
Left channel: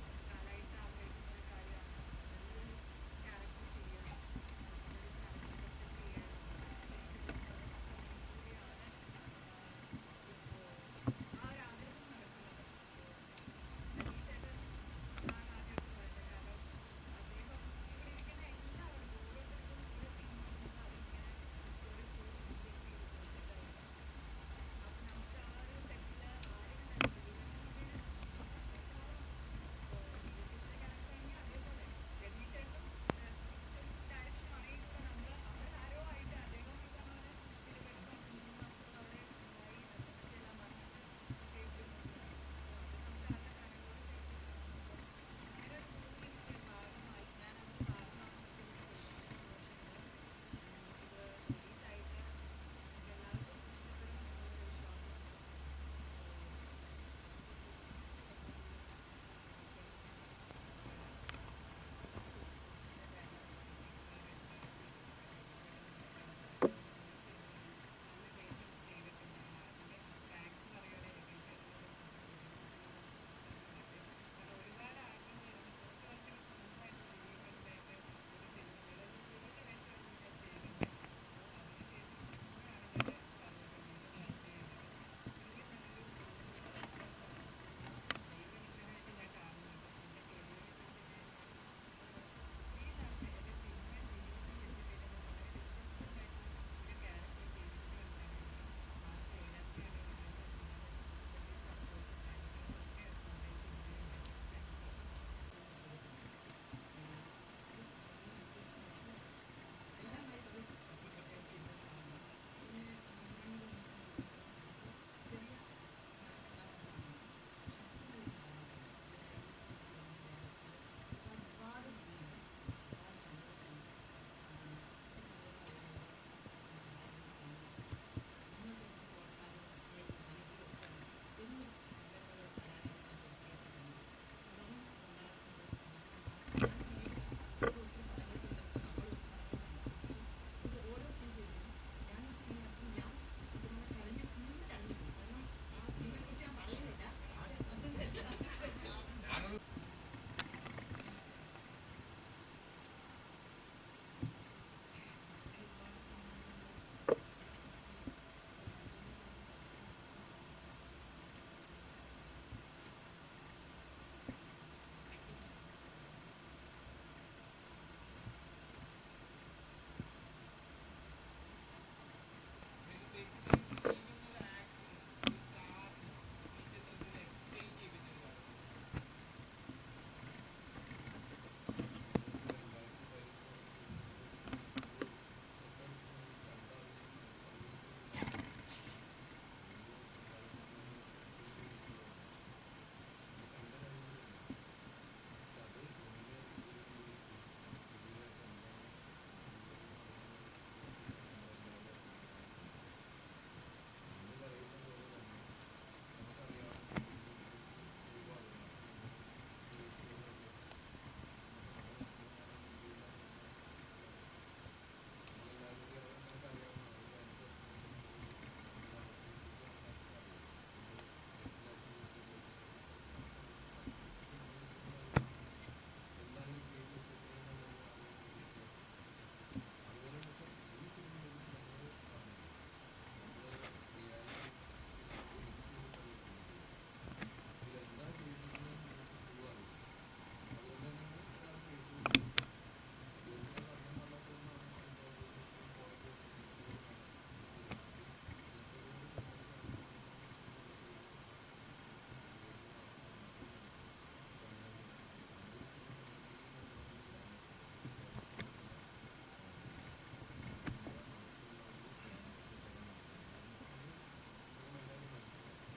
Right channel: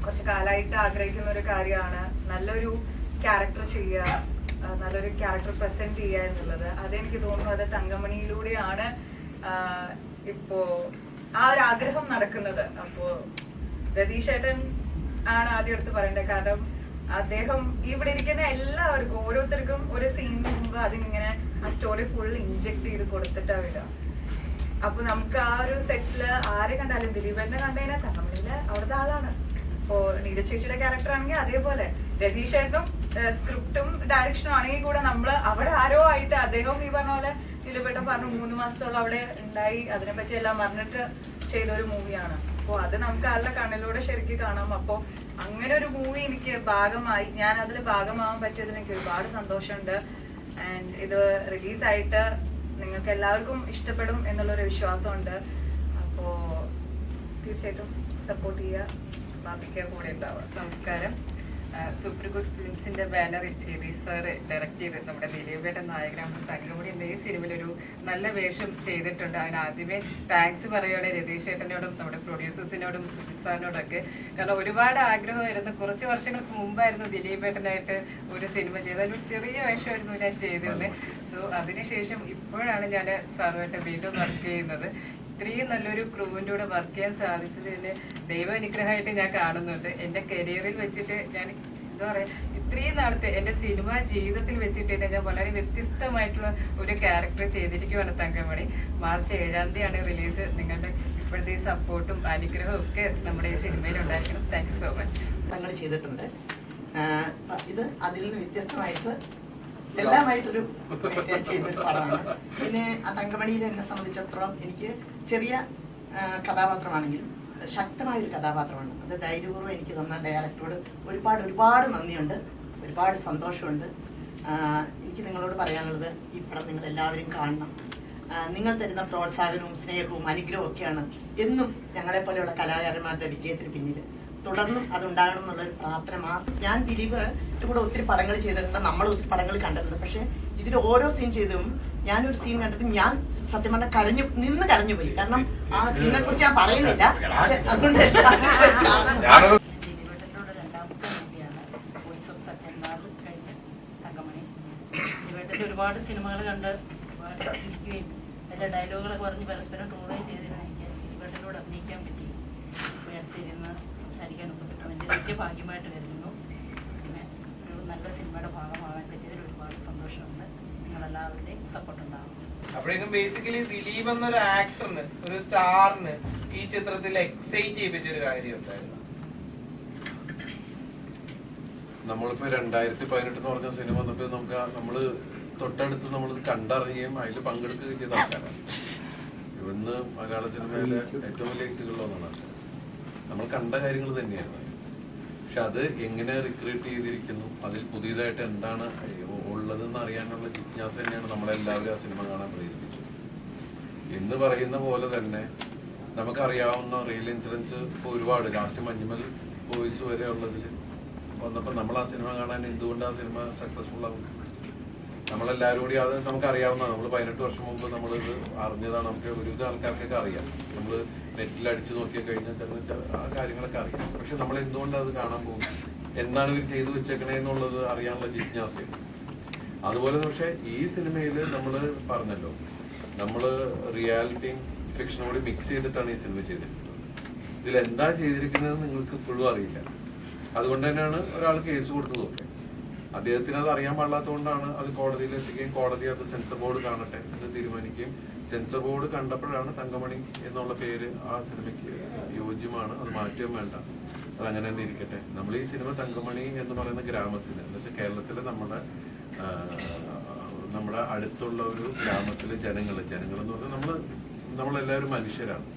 കുറച്ച് കാലമായിട്ട് ആഗ്രഹിക്കുന്ന ഒരു കാര്യമാണ് നല്ലൊരു ക്യാരക്ടർ ചെയ്യുക, നല്ലൊരു ക്യാരക്ടർ പ്രസന്റ് ചെയ്യുക എന്നുള്ളത്. അതെനിക്ക് തോന്നുന്നു അത് തങ്കമണിയിലൂടെയാണ് ഇപ്പോ ആ ഒരു ആഗ്രഹം നടക്കുന്നത്. അപ്പോ രതീഷേട്ടൻ ആണ് ആദ്യം എടുത്ത് പറയേണ്ടത്. കാരണം അദ്ദേഹം ഇവിടെ ഇരിക്കുന്ന എല്ലാവർക്കും ഓരോരുത്തർക്കും ഒരു സീനിന് മുമ്പ് അതിങ്ങനെ ആ സ്റ്റോറി ഫുൾ ഇൻജെക്ട് ചെയ്ത് കൊടുത്തിട്ടാ വിടുക. അപ്പൊ നമുക്ക് ആ ഒരു സെറ്റില് ആരെ കണ്ടാലും ദിലീപേട്ടനെ കണ്ടുകഴിഞ്ഞാൽ തങ്കമണിയില് അവിടുത്തെ ആളാണ്. ഇപ്പോ നീത ചേച്ചിയുടെ ക്യാരക്ടർ ആണെങ്കിൽ അതേപോലെ രതീഷേട്ടനും സ്ക്രിപ്റ്റും ഡയറക്ഷനും ആണെങ്കിൽ കൂടെ നമ്മള് അവിടെ ആരോ ആയിട്ട് അദ്ദേഹം ഈ പറഞ്ഞ പോലെ ദിലീപേട്ടൻ പറഞ്ഞു 3 മാസത്തോളം അവിടെ ഉണ്ടായി അതിനെപ്പറ്റി എല്ലാം പറഞ്ഞിട്ട് ചെയ്ത ഒരു മൂവിയാണ്. അപ്പോൾ അത് നമുക്ക് ആളുടെ കണ്ണിലൂടെ ശരിക്കും കാണാം. അപ്പോൾ അങ്ങനെ ഒരു മൂവി എനിക്ക് ഭാഗമായി, ഞാൻ അതിൽ ഭാഗമാവാൻ പറ്റിയതിന് എനിക്ക് ഒരുപാട് സന്തോഷമുണ്ട്. ആൻഡ് ഇത് റിലീസായിട്ട് നിങ്ങൾക്ക് എല്ലാവർക്കും ഇഷ്ടപ്പെടും എന്നുള്ളൊരു വിശ്വാസമുണ്ട്. അപ്പോൾ തീർച്ചയായിട്ടും സപ്പോർട്ട് ചെയ്യുക, ബാബിക്ക് കൂടെ ഉണ്ടാവുക. നമസ്കാരം. സൂപ്പർ ഗുഡ് ഫിലിംസിന്റെ ബാനറിൽ രതീഷ് സാറ് ഡയറക്ട് ചെയ്ത് നമ്മുടെ ദിലീപേട്ടൻ നായകനാണ് തങ്കമണി എന്ന ഈ സിനിമയിൽ ഒരു നല്ല വേഷം ചെയ്തിട്ടുണ്ട്. അതിന് ആദ്യമേ താങ്ക്സ് പറയുകയാണ് രതീഷ് ഏട്ടനോടും നമ്മുടെ പ്രൊഡ്യൂസേഴ്സിനോടും സുജിത് സാറിനോടൊക്കെ. കാരണം ഒരുപാട് ആഗ്രഹമായിരുന്നു. കുറച്ച് വർഷങ്ങൾക്ക് മുമ്പായിരുന്നു ദിലീപേട്ടനായിട്ട് ഒരു സിനിമ ചെയ്തത്. അതിലൊരു ചെറിയ വേഷമായിരുന്നു ഞാൻ ചെയ്തിരുന്നത്. സോ അതിനുശേഷം ഇപ്പോഴാണ് ഞാൻ സാറുമായിട്ട് വീണ്ടും വർക്ക് ചെയ്യുന്നത്. ഇത്രയും നല്ലൊരു ക്രൂവിൻ്റെ കൂടെ വർക്ക് ചെയ്യാൻ സാധിച്ചതിന് ദൈവ അനുഗ്രഹമായിട്ട് ഞാൻ കാണുന്നുണ്ട്. എൻ്റെ കരിയറിൽ വെച്ചിട്ട് ഞാൻ എന്താ പറയുക, ഇത്രയും നാളത്തെ എൻ്റെ സിനിമാ ജീവിതത്തിൽ വെച്ചിട്ട് തന്നെ ഞാൻ വളരെ വ്യത്യസ്തമായിട്ടുള്ള ഒരു ക്യാരക്ടർ ചെയ്തിരിക്കുകയാണ് തങ്കമണി. മാർച്ച് 7-ാം തീയതിയാണ് റിലീസ്. നിങ്ങളുടെ ഇപ്പോഴത്തെ ഈ സപ്പോർട്ടും അനുഗ്രഹവും ഒക്കെ നമ്മുടെ ഈ സിനിമയിൽ ഉണ്ടായിരിക്കണം. Thank you so much. ഞങ്ങൾ ചെയ്തിട്ടുണ്ട്. ഇത് അതിൽ നിന്ന് വ്യത്യസ്തമായിട്ട് എല്ലാമായിട്ടൊരു ചെയ്തൊരു പടമാണ്. പിന്നെ ആ തങ്കമണിയിൽ എന്നെ സംബന്ധിച്ചിടത്തോളം എനിക്ക് ചെറിയ കഥാപാത്രമാണെങ്കിലും ശക്തമായൊരു കഥാപാത്രമാണ്. അത് ധൈര്യപൂർവ്വം എനിക്ക് തന്ന ഡയറക്ടറോട് ഒരുപാട് നന്ദിയുണ്ട്, ഒരുപാട് സന്തോഷമുണ്ട്. എനിക്ക് നിങ്ങളോട് പറയാനുള്ളത് ഈ പടം നിങ്ങൾ എല്ലാവരും കാണണം. നിങ്ങൾ തരുന്ന പ്രോത്സാഹനവും സ്നേഹവും അനുഗ്രഹവും ഒക്കെയാണ് എന്നും ഞങ്ങളെപ്പോലെയുള്ള കലാകാരന്മാരുടെ വിജയത്തിന് പിന്നിൽ. തുടർന്നും അതുണ്ടാകണം എന്നുള്ളൊരു പ്രാർത്ഥന മാത്രം. ഞാൻ ദിലീപിന്റെ കൂടെ ഒത്തിരി പടങ്ങൾ ചെയ്തിട്ടുണ്ട്, നമ്മൾ ഒത്തിരി പടങ്ങൾ കണ്ടിട്ടുണ്ട്. പക്ഷേ ഇതിൽ ഓരോ സീൻ ചെയ്തതും ഞാനൊരു സീൻ കണ്ടിട്ട് ഞാൻ സത്യം പറഞ്ഞാൽ കരഞ്ഞു പോയി. കാരണം ആ സീനെ കുറിച്ച് ഞാൻ പറയുന്നില്ല. അതുകൊണ്ട് ദിലീപേട്ടനോട് രണ്ടാമത്തെ മൂവിയാണ് വോയിസ് ഓഫ് സത്യനാഥ് കഴിഞ്ഞ് തങ്കമണി. ദിലീപേട്ടൻ്റെ ഒരുപാട് സിനിമകൾ കണ്ട് ഒരുപാട് ചിരിക്കുകയും എല്ലാ ഡയലോഗുകളൊക്കെ പറഞ്ഞ് പരസ്പരം ട്രോളുകയും ചെയ്തതിന് എനിക്ക് ദിലീപേട്ടനോട് അഭിനയിക്കാൻ പറ്റി. ഇപ്പോൾ അടുത്തിരുന്ന് സംസാരിക്കാനും പറ്റും വലിയ ഭാഗ്യമായിട്ട് കരുതുന്നു. പിന്നെ ഒരു നല്ല സിനിമയുടെ ഭാഗമാകാൻ പറ്റിയതിൽ ഒരുപാട് സന്തോഷമുണ്ട്. നിങ്ങളെല്ലാവരുടെയും സപ്പോർട്ട് ഉണ്ടാകും. അപ്പോഴേക്കും ബേസിക്കലി ദിലീപ് എന്നൊരു ആക്ടറിന്, ഒരു സ്റ്റാറിന് ഈ ചിത്രത്തിൽ എക്സൈറ്റ് ചെയ്യിപ്പിച്ചൊരു കാര്യം ഉണ്ടായിരുന്നു. നമ്മളിപ്പോ 2018 എന്ന് പറഞ്ഞ സിനിമ വന്നപ്പോ നമ്മള് തൊട്ടടുത്ത് നമ്മൾ കണ്ടറിയുകയും അതിൽ പങ്കെടുക്കുകയും ചെയ്ത ആൾക്കാരാണ്. ഇവിടുന്ന് മലയാള സിനിമയിലെ ഏറ്റവും വലിയ ഹിറ്റുകളിലൊന്നാണ്. നമ്മൾ കണ്ട കാര്യങ്ങൾ തന്നെയായിരുന്നു. പക്ഷെ അത് എങ്ങനെ റിക്രിയേറ്റ് ചെയ്തിരിക്കുന്നു, അതിൽ പുതിയതായിട്ട് എന്താണ് ഉള്ളതെന്ന് അറിയാനുള്ള ജിജ്ഞാസ തന്നെയാണ് നമ്മളെല്ലാവരും ആ സിനിമ കാണാൻ പ്രേരിപ്പിച്ചത്. എന്ന് പറയുന്ന പോലെ തന്നെ നമുക്കറിയാവുന്ന റിയൽ ഇൻസിഡൻസ് ഇപ്പോൾ ഒരുപാട്, ലാസ്റ്റ് മഞ്ഞുമൽ ബോയ്സ് വരെ ഉള്ളതിൽ വന്നപ്പോൾ നമ്മൾ ആ സിനിമ കാണാൻ എന്തുകൊണ്ട് ആ സിനിമ സക്സസ്ഫുൾ ആകും? നമ്മളെല്ലാവരും കൂടി അത് നമുക്കറിയാവുന്നതാണ്. നമ്മൾ 18 വർഷം മുമ്പ് നമ്മളിത് അറിഞ്ഞതാണ്. നമുക്ക് ഒരുവിധ ആൾക്കാർക്കൊക്കെ അറിയാം. നമ്മൾ നെറ്റിൽ അടിച്ചു നോക്കിയാൽ കഴിഞ്ഞാൽ ആ കാര്യങ്ങളൊക്കെ അറിയാം. പക്ഷെ നമ്മൾ എന്തുകൊണ്ട് അത് കാണാൻ പോകും, എന്താണ് ഇവർ ചെയ്തു വെച്ചേക്കണേ എന്നുള്ളത് അറിയാനുള്ള ജിജ്ഞാസയാണ്. അതുപോലെ പക്ഷെ ഈ സിനിമയിൽ നമ്മൾ പറഞ്ഞല്ലോ, നമ്മൾ റിയാലിറ്റിയും ഫിക്ഷനും കൂടി മിക്സ് ചെയ്തിട്ടാണ് ഈ സിനിമ ചെയ്തിരിക്കുന്നത്. ഇതിൽ എന്താ ചെയ്തിരിക്കുന്നത് നിങ്ങൾക്ക് ഇപ്പോഴും അറിയില്ല. അതുകൊണ്ട് തന്നെയാണ് ഒരാൾ കേസ് കൊടുത്തത്. നോക്കുക, അദ്ദേഹത്തിന് അത് അറിയാൻ പാടില്ലാത്തതുകൊണ്ടാണ് അത് കോടതിയിൽ എത്തിക്കുകയും കോടതി അത് സെൻസർ ബോർഡ് കാണട്ടെ എന്ന് തീരുമാനിക്കുകയും സെൻസർ ബോർഡ് കണ്ടപ്പോഴാണ് തങ്കമണി എന്നുള്ള പേര് ആ സിനിമയ്ക്ക് യോജ്യമാണ്, അത് മാറ്റുകയും വേണ്ട, അത് അങ്ങനെ തന്നെ ഇരിക്കട്ടെ. നമ്മൾ ഈ സിനിമ തങ്കമണി എന്ന് പറയുന്ന ഗ്രാമത്തിൽ എന്ന് വെച്ചാൽ കേരളത്തിലെ നമ്മുടെ അടുത്തുള്ള ഒരു ഗ്രാമത്തിലെ ജനങ്ങൾ എന്ന് പറഞ്ഞാൽ നമ്മളെല്ലാവരും മനുഷ്യരാണ്.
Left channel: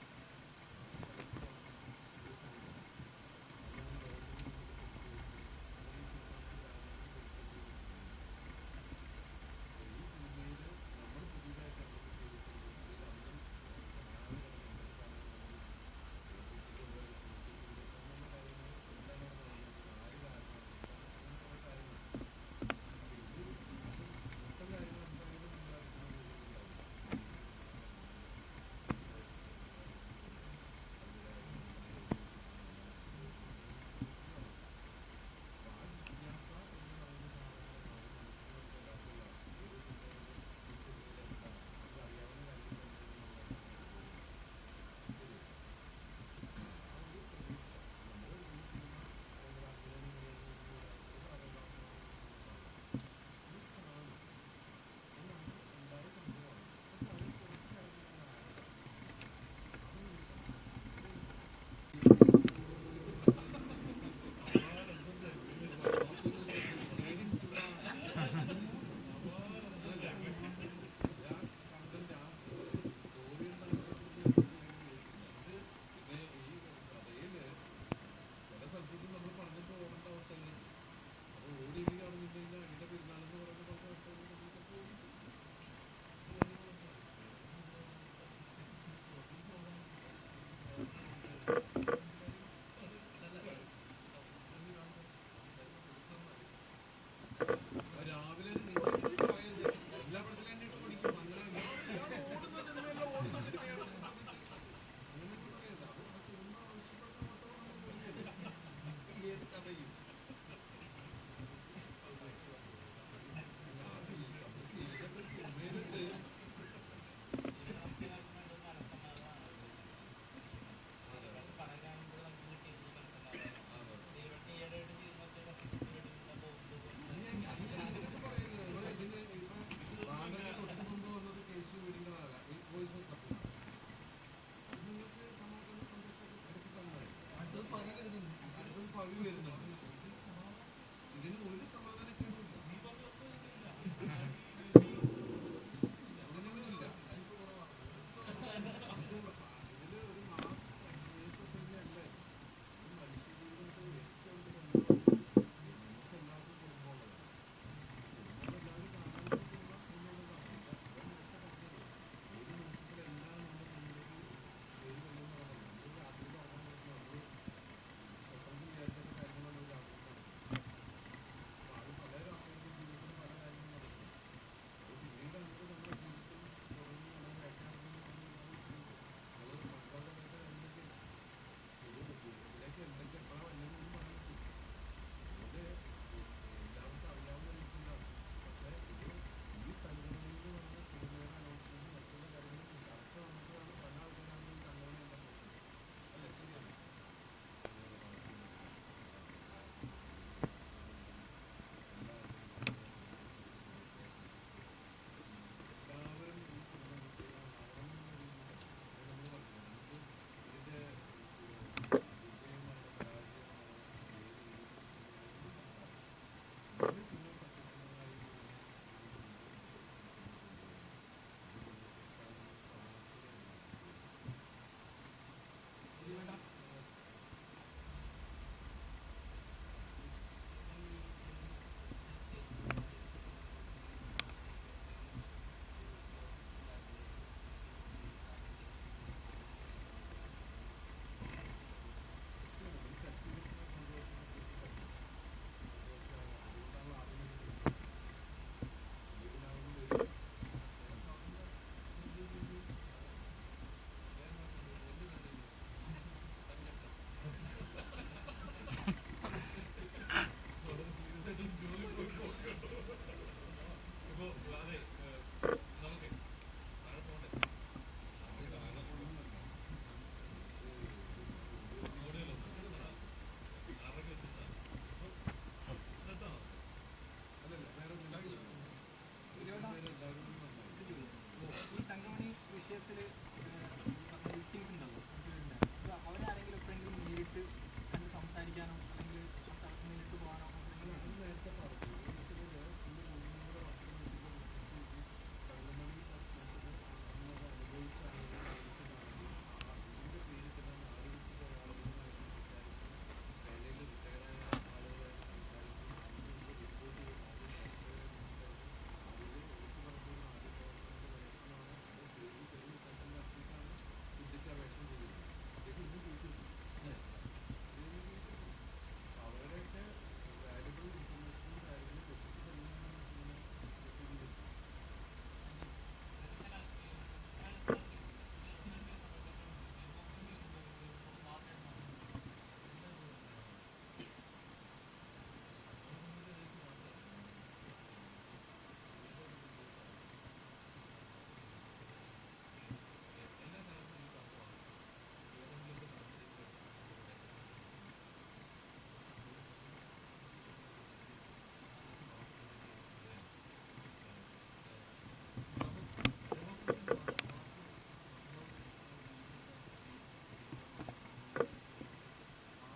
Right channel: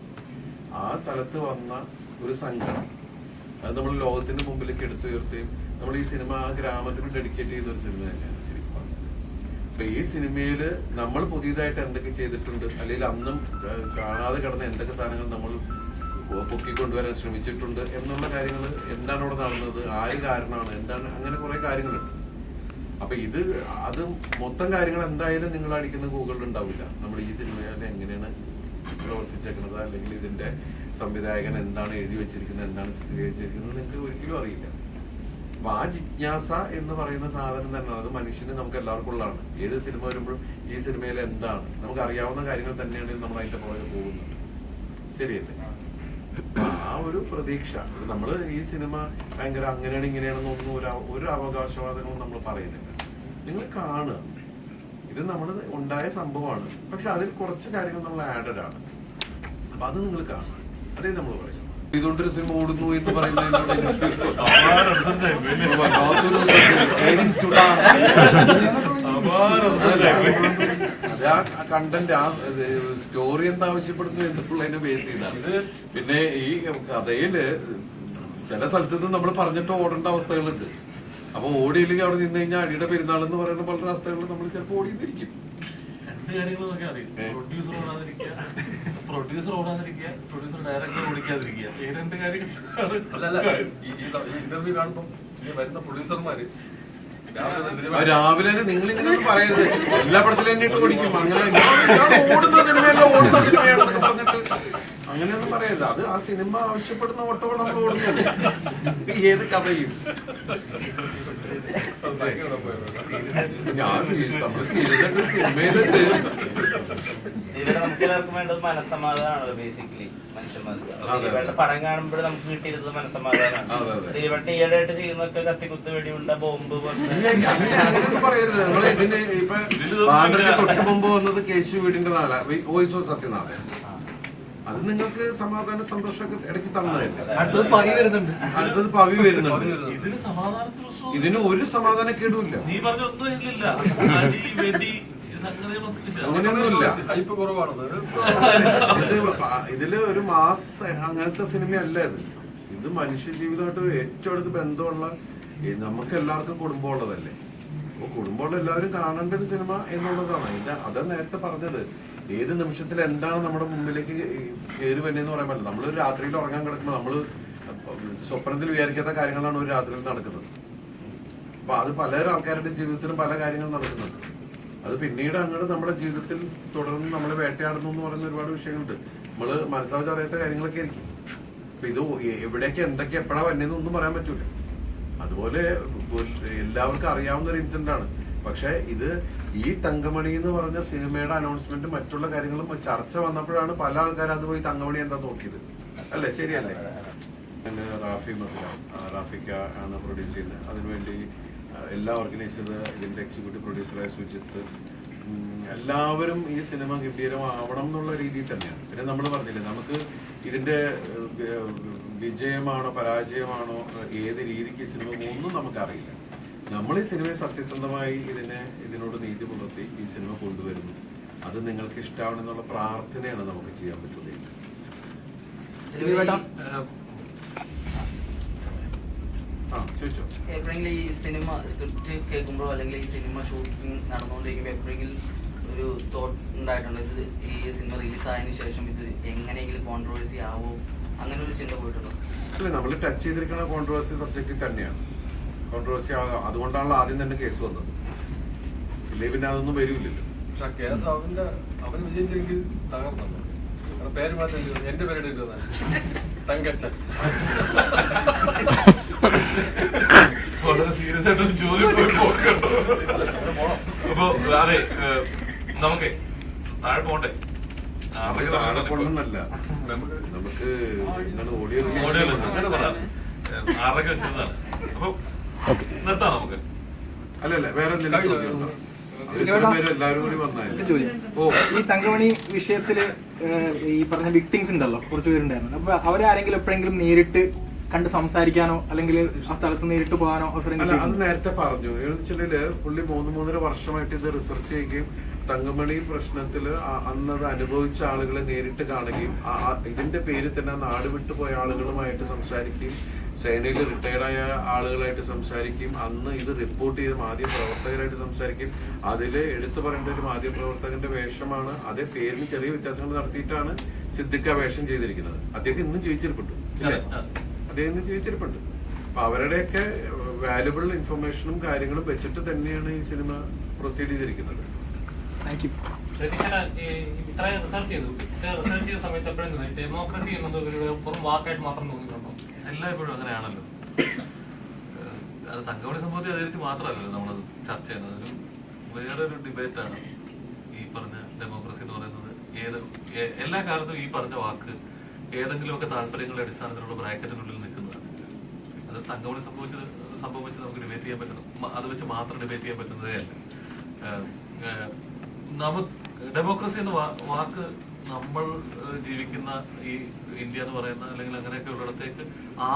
ആ സ്ഥലത്ത് വന്ന ഒരു സങ്കടം അത് നമ്മൾ ലോകത്തിന്റെ മുമ്പിലേക്ക് എടുത്തുയർത്തുകയും നമ്മൾ ഈ സിനിമ ആ ഗ്രാമത്തിന് ഡെഡിക്കേറ്റ് ചെയ്യുന്ന ഒരു സിനിമ തന്നെയാണ് ശരിക്കും പറഞ്ഞത്. അപ്പൊ ഈ സിനിമയില് നമ്മൾ പുതിയതായിട്ട് എന്തൊക്കെ ചെയ്തിട്ടുണ്ട്, അല്ലെങ്കിൽ അന്നും കാണാതെ കിടന്ന എന്തൊക്കെ സാധനങ്ങൾ നമ്മൾ പൊക്കിക്കൊണ്ടുവരാൻ ശ്രമിച്ചിട്ടുണ്ട് എന്നുള്ള കാര്യങ്ങൾ, എന്താണ് ഇവിടെ നടന്നത്, ആര് കാരണമാണ്, എന്താണ്, അങ്ങനെ കുറെ കാര്യങ്ങളുണ്ട്. അപ്പൊ അത് മൊത്തം കാര്യങ്ങൾ എന്തായാലും നിങ്ങൾ അടിക്കുന്ന ഗൂഗിളിൽ ഉണ്ടാവില്ല. നമ്മൾ ഈ സിനിമയിൽ എങ്ങനെയാണ് പ്രവർത്തിച്ചേക്കുന്നത്, അല്ലെങ്കിൽ ഇതിന്റെ സംവിധായകൻ എന്താണ് എഴുതി വെച്ചിരിക്കുന്നത്, എന്താണ് ചിത്രീകരിച്ചിരിക്കുന്നത് നിങ്ങൾക്ക് ഒരിക്കലും അറിയില്ല. അപ്പൊ ആ ജിജ്ഞാസ എന്ന് പറയുന്ന സാധനം തന്നെ അത് മനുഷ്യന് നമുക്ക് എല്ലാവർക്കും ഉള്ളതാണ്. ഏത് സിനിമ വരുമ്പോഴും ഈ സിനിമയിൽ എന്താണ് നമുക്ക് അറിയാവുന്ന കാര്യങ്ങൾ തന്നെയാണെങ്കിൽ നമ്മൾ അതിന്റെ പുറകെ പോകുന്നത്. ശരിയല്ലേ? ആ ഒരു പ്രതീക്ഷ, നമ്മൾ ഈ സിനിമ ഭയങ്കര അങ്ങനെയാണ് ഇങ്ങനെയാണെന്നൊന്നും ഒരു അവകാശവാദനവും നമ്മൾ പറയുന്നില്ല. നിങ്ങൾ കാണുക, ഇത് നമ്മൾ ഉണ്ടായ സംഭവമാണ്, പക്ഷെ അതിൽ കുറച്ച് കാര്യങ്ങൾ നമ്മൾ ആഡഡ് ആണ്. അപ്പൊ അത് നിങ്ങൾ കാണുക, അതേ നമ്മൾ പറയും. ഇതുകൊണ്ടൊരു സിനിമ ഓടുന്നു എന്ന് പറയുന്നത് അത് ആ കണ്ടന്റ്, ആ സ്റ്റോറി എന്താ ആവശ്യപ്പെടുന്നു എന്നുള്ളതിനെ ബേസ് ചെയ്താണ്. പിന്നെ ഈ കഥയില് ചില സ്ഥലത്ത് നിന്ന് നമ്മൾ പറഞ്ഞിട്ട് ഓടേണ്ട അവസ്ഥകളുണ്ട്. അപ്പൊ ഓടിയില്ലെങ്കിൽ അവിടെ നിന്ന് കഴിഞ്ഞാൽ അടിയുടെ പെരുന്നാൾ എന്ന് പറയുന്ന പല അവസ്ഥകളിൽ നമ്മൾ ചിലപ്പോൾ ഓടിയിരിക്കും. പ്രൊഡ്യൂസർ ഓടാതിരിക്കുക, പ്രൊഡ്യൂസർ ഡയറക്ടർ ഓടിക്കാതിരിക്കുക, ഈ രണ്ട് കാര്യങ്ങൾ. ഇന്റർവ്യൂ കാണുമ്പോൾ വരുന്ന പ്രൊഡ്യൂസർമാര് രാവിലെ നിങ്ങൾ ഇങ്ങനെ പറയരുത്, എല്ലാ പടത്തിലും എന്നിട്ട് ഓടിക്കും, അങ്ങനെ ഓടുന്ന സിനിമയല്ല ഓടുന്ന സിനിമയാണെന്ന് പറഞ്ഞിട്ട് അങ്ങനെയൊന്നും പറയരുത്. അത് ആ സിനിമ ആവശ്യപ്പെടുന്ന ഓട്ടമാണ് നമ്മൾ ഓടുന്നത്. ഏത് കഥയും ഞാൻ നമ്മൾ സീരിയസ് സിനിമയിലുണ്ട്. നമുക്ക് എല്ലാവർക്കും വേണ്ടത് മനസ്സമാധാനമാണല്ലോ ബേസിക്കലി. മനുഷ്യന്മാർക്ക് പടം കാണുമ്പോൾ നമുക്ക് കിട്ടിയിരുന്നത് മനസ്സമാധാനമാണ്. ദിലീപേട്ടൻ ഈയിടെയായിട്ട് ചെയ്യുന്നൊക്കെ കത്തിക്കുത്ത് വെടിയുണ്ട ബോംബ് പറയരുത്. നമ്മള് ഇതിന്റെ ഇപ്പൊ ബാൻഡർക്ക് തൊട്ട് മുമ്പ് വന്നത് കേശു വീടിന്റെ വോയിസ് ഓഫ് സത്യനാഥൻ. അത് നിങ്ങൾക്ക് സമാധാന സന്തോഷമൊക്കെ ഇടയ്ക്ക് തന്നതല്ലേ. അടുത്തത് പവി വരുന്നുണ്ട്. ഇതിന് ഒരു സമാധാനക്കേടുമില്ല. അങ്ങനെയൊന്നുമില്ല. ഇതില് ഒരു മാസ് അങ്ങനത്തെ സിനിമയല്ല ഇത്. ഇത് മനുഷ്യ ജീവിതമായിട്ട് ഏറ്റവും അടുത്ത് ബന്ധമുള്ള, നമുക്ക് എല്ലാവർക്കും കുടുംബമുള്ളതല്ലേ. അപ്പൊ കുടുംബമുള്ള എല്ലാവരും കാണേണ്ട ഒരു സിനിമ എന്നുള്ളതാണ്. അതാ നേരത്തെ പറഞ്ഞത്, ഏത് നിമിഷത്തിൽ എന്താണ് നമ്മുടെ മുമ്പിലേക്ക് കയറി വരുന്നതെന്ന് പറയാൻ പറ്റില്ല. നമ്മൾ രാത്രിയിൽ ഉറങ്ങാൻ കിടക്കുമ്പോൾ നമ്മൾ സ്വപ്നത്തിൽ വിചാരിക്കാത്ത കാര്യങ്ങളാണ് ഒരു രാത്രിയിൽ നടക്കുന്നത്. അപ്പൊ അത് പല ആൾക്കാരുടെ ജീവിതത്തിലും പല കാര്യങ്ങൾ നടക്കുന്നുണ്ട്. അത് പിന്നീട് അങ്ങോട്ട് നമ്മുടെ ജീവിതത്തിൽ തുടർന്ന് നമ്മൾ വേട്ടയാടുന്നു എന്ന് പറയുന്ന ഒരുപാട് വിഷയങ്ങളുണ്ട്. നമ്മള് മനസ്സാവച്ച് അറിയാത്ത കാര്യങ്ങളൊക്കെ ആയിരിക്കും. അപ്പൊ ഇത് എവിടേക്ക് എന്തൊക്കെ എപ്പോഴാ വന്നതെന്നൊന്നും പറയാൻ പറ്റൂല. അതുപോലെ എല്ലാവർക്കും അറിയാവുന്ന ഒരു ഇൻസിഡന്റ് ആണ്. പക്ഷെ ഇത് ഈ തങ്കമണി എന്ന് പറഞ്ഞ സിനിമയുടെ അനൗൺസ്മെന്റ് മറ്റുള്ള കാര്യങ്ങളും ചർച്ച വന്നപ്പോഴാണ് പല ആൾക്കാരും അത് പോയി തങ്കമണി എന്താ നോക്കിയത്. അല്ലേ? ശരിയല്ലേ? റാഫിക്ക ആണ് പ്രൊഡ്യൂസ് ചെയ്യുന്നത്. അതിനുവേണ്ടി എല്ലാ ഓർഗനൈസേഴ്സ്, ഇതിന്റെ എക്സിക്യൂട്ടീവ് പ്രൊഡ്യൂസറായ സുജിത്ത്, എല്ലാവരും ഈ സിനിമ ഗംഭീരമാവണം എന്നുള്ള രീതിയിൽ തന്നെയാണ്. പിന്നെ നമ്മൾ പറഞ്ഞില്ലേ, നമുക്ക് ഇതിന്റെ വിജയമാണോ പരാജയമാണോ ഏത് രീതിക്ക് സിനിമ ഒന്നും നമുക്കറിയില്ല. നമ്മൾ ഈ സിനിമയെ സത്യസന്ധമായി ഇതിനോട് നീതി പുലർത്തി ഈ സിനിമ കൊണ്ടുവരുന്നു. അത് നിങ്ങൾക്ക് ഇഷ്ടമാണെന്നുള്ള പ്രാർത്ഥനയാണ് നമുക്ക് ചെയ്യാൻ പറ്റുന്നത്. എപ്പോഴെങ്കിലും ഈ സിനിമ സ്ക്രിപ്റ്റ് കേൾക്കുമ്പോഴോ അല്ലെങ്കിൽ ഈ സിനിമ ഷൂട്ടിംഗ് നടന്നുകൊണ്ടിരിക്കുമ്പോൾ എപ്പോഴെങ്കിലും ഒരു തോട്ട് ഉണ്ടായിട്ടുണ്ട്, ഇത് ഈ സിനിമ റിലീസായതിനു ശേഷം ഇത് എങ്ങനെയെങ്കിലും കോൺട്രവേഴ്സി ആവോ, അങ്ങനെ ഒരു ചിന്ത പോയിട്ടുണ്ടോ? നമ്മൾ ടച്ച് ചെയ്തിരിക്കുന്ന കോൺട്രവേഴ്സി സബ്ജക്റ്റിൽ തന്നെയാണ്. കോൺട്രവേഴ്സി അതുകൊണ്ടാണല്ലോ ആദ്യം തന്നെ കേസ് വന്നത്. ഇല്ലേ പിന്നെ അതൊന്നും വരില്ലല്ലോ. കേസ് അവൻ വിജയിച്ചെങ്കിൽ തകർന്നു. പേര് മാറ്റം എന്റെ പേര് തങ്കച്ചൻ. വളരെ സീരിയസ് ആയിട്ടൊരു ചോദ്യം പോയി പോക്കണ്ടോ. അപ്പൊ അതെ, നമുക്ക് താഴെ പോട്ടെ. താഴെക്കൊള്ളുന്നല്ല, നമുക്ക് എന്താണ് ഓഡിയോ അല്ലല്ല വേറെ എന്തെങ്കിലും ചോദ്യം എല്ലാവരും കൂടി വന്നാലും. ഈ തങ്കമണി വിഷയത്തില് ഈ പറഞ്ഞ വിക്ടിംസ് ഉണ്ടല്ലോ, കുറച്ച് പേരുണ്ടായിരുന്നു. അപ്പൊ അവരെ ആരെങ്കിലും എപ്പോഴെങ്കിലും നേരിട്ട് കണ്ട് സംസാരിക്കാനോ അല്ലെങ്കിൽ ആ സ്ഥലത്ത് നേരിട്ട് പോകാനോ അവസരം അല്ല, അത് നേരത്തെ പറഞ്ഞു. എന്നുവെച്ചിട്ടുണ്ടെങ്കില് പുള്ളി 3-3.5 വർഷമായിട്ട് ഇത് റിസർച്ച് ചെയ്യുകയും തങ്കമണി പ്രശ്നത്തില് അന്നത് അനുഭവിച്ച ആളുകളെ നേരിട്ട് കാണുകയും ഇതിന്റെ പേരിൽ തന്നെ നാട് വിട്ടുപോയ ആളുകളുമായിട്ട് സംസാരിക്കുകയും സേനയിൽ റിട്ടയർഡായ ആളുകളായിട്ട് സംസാരിക്കുകയും അന്ന് ഇത് റിപ്പോർട്ട് ചെയ്ത മാധ്യമപ്രവർത്തകരായിട്ട് സംസാരിക്കുകയും അതിൽ എടുത്തു പറയേണ്ട ഒരു മാധ്യമപ്രവർത്തകന്റെ വേഷമാണ്. അതേ പേരിന് ചെറിയ വ്യത്യാസങ്ങൾ നടത്തിയിട്ടാണ് സിദ്ദിഖ് വേഷം ചെയ്തിരിക്കുന്നത്. അദ്ദേഹം ഇന്നും ജീവിച്ചിരിപ്പുണ്ട്, അദ്ദേഹം ഇന്നും ജീവിച്ചിരിപ്പുണ്ട്. അപ്പൊ അവരുടെയൊക്കെ വാല്യുബിൾ ഇൻഫർമേഷനും കാര്യങ്ങളും വെച്ചിട്ട് തന്നെയാണ് ഈ സിനിമ പ്രൊസീഡ് ചെയ്തിരിക്കുന്നത്. ഇത്രയും റിസർച്ച് ചെയ്ത സമയത്ത് എപ്പോഴും ഡെമോക്രസി എന്നത് ഒരു വാക്കായിട്ട് മാത്രം തോന്നിയിട്ടുണ്ടോ? എല്ലായ്പ്പോഴും അങ്ങനെയാണല്ലോ. അത് തങ്കമണി സംഭവത്തെ ആചരിച്ച് മാത്രമല്ലല്ലോ നമ്മളത് ചർച്ച ചെയ്യുന്നത്. ഒരു വേറൊരു ഡിബേറ്റാണ് ഈ പറഞ്ഞ ഡെമോക്രസി എന്ന് പറയുന്നത്. എല്ലാ കാലത്തും ഈ പറഞ്ഞ വാക്ക് ഏതെങ്കിലുമൊക്കെ താല്പര്യങ്ങളുടെ അടിസ്ഥാനത്തിലുള്ള ബ്രാക്കറ്റിനുള്ളിൽ നിൽക്കുന്നതാണ്. അത് തങ്കമണി സംഭവിച്ച് നമുക്ക് ഡിബേറ്റ് ചെയ്യാൻ പറ്റുന്നു, അത് വെച്ച് മാത്രം ഡിബേറ്റ് ചെയ്യാൻ പറ്റുന്നതേ അല്ല. ഡെമോക്രസി എന്ന വാക്ക് നമ്മൾ ജീവിക്കുന്ന ഈ ഇന്ത്യ എന്ന് പറയുന്ന അല്ലെങ്കിൽ അങ്ങനെയൊക്കെ ഉള്ളിടത്തേക്ക്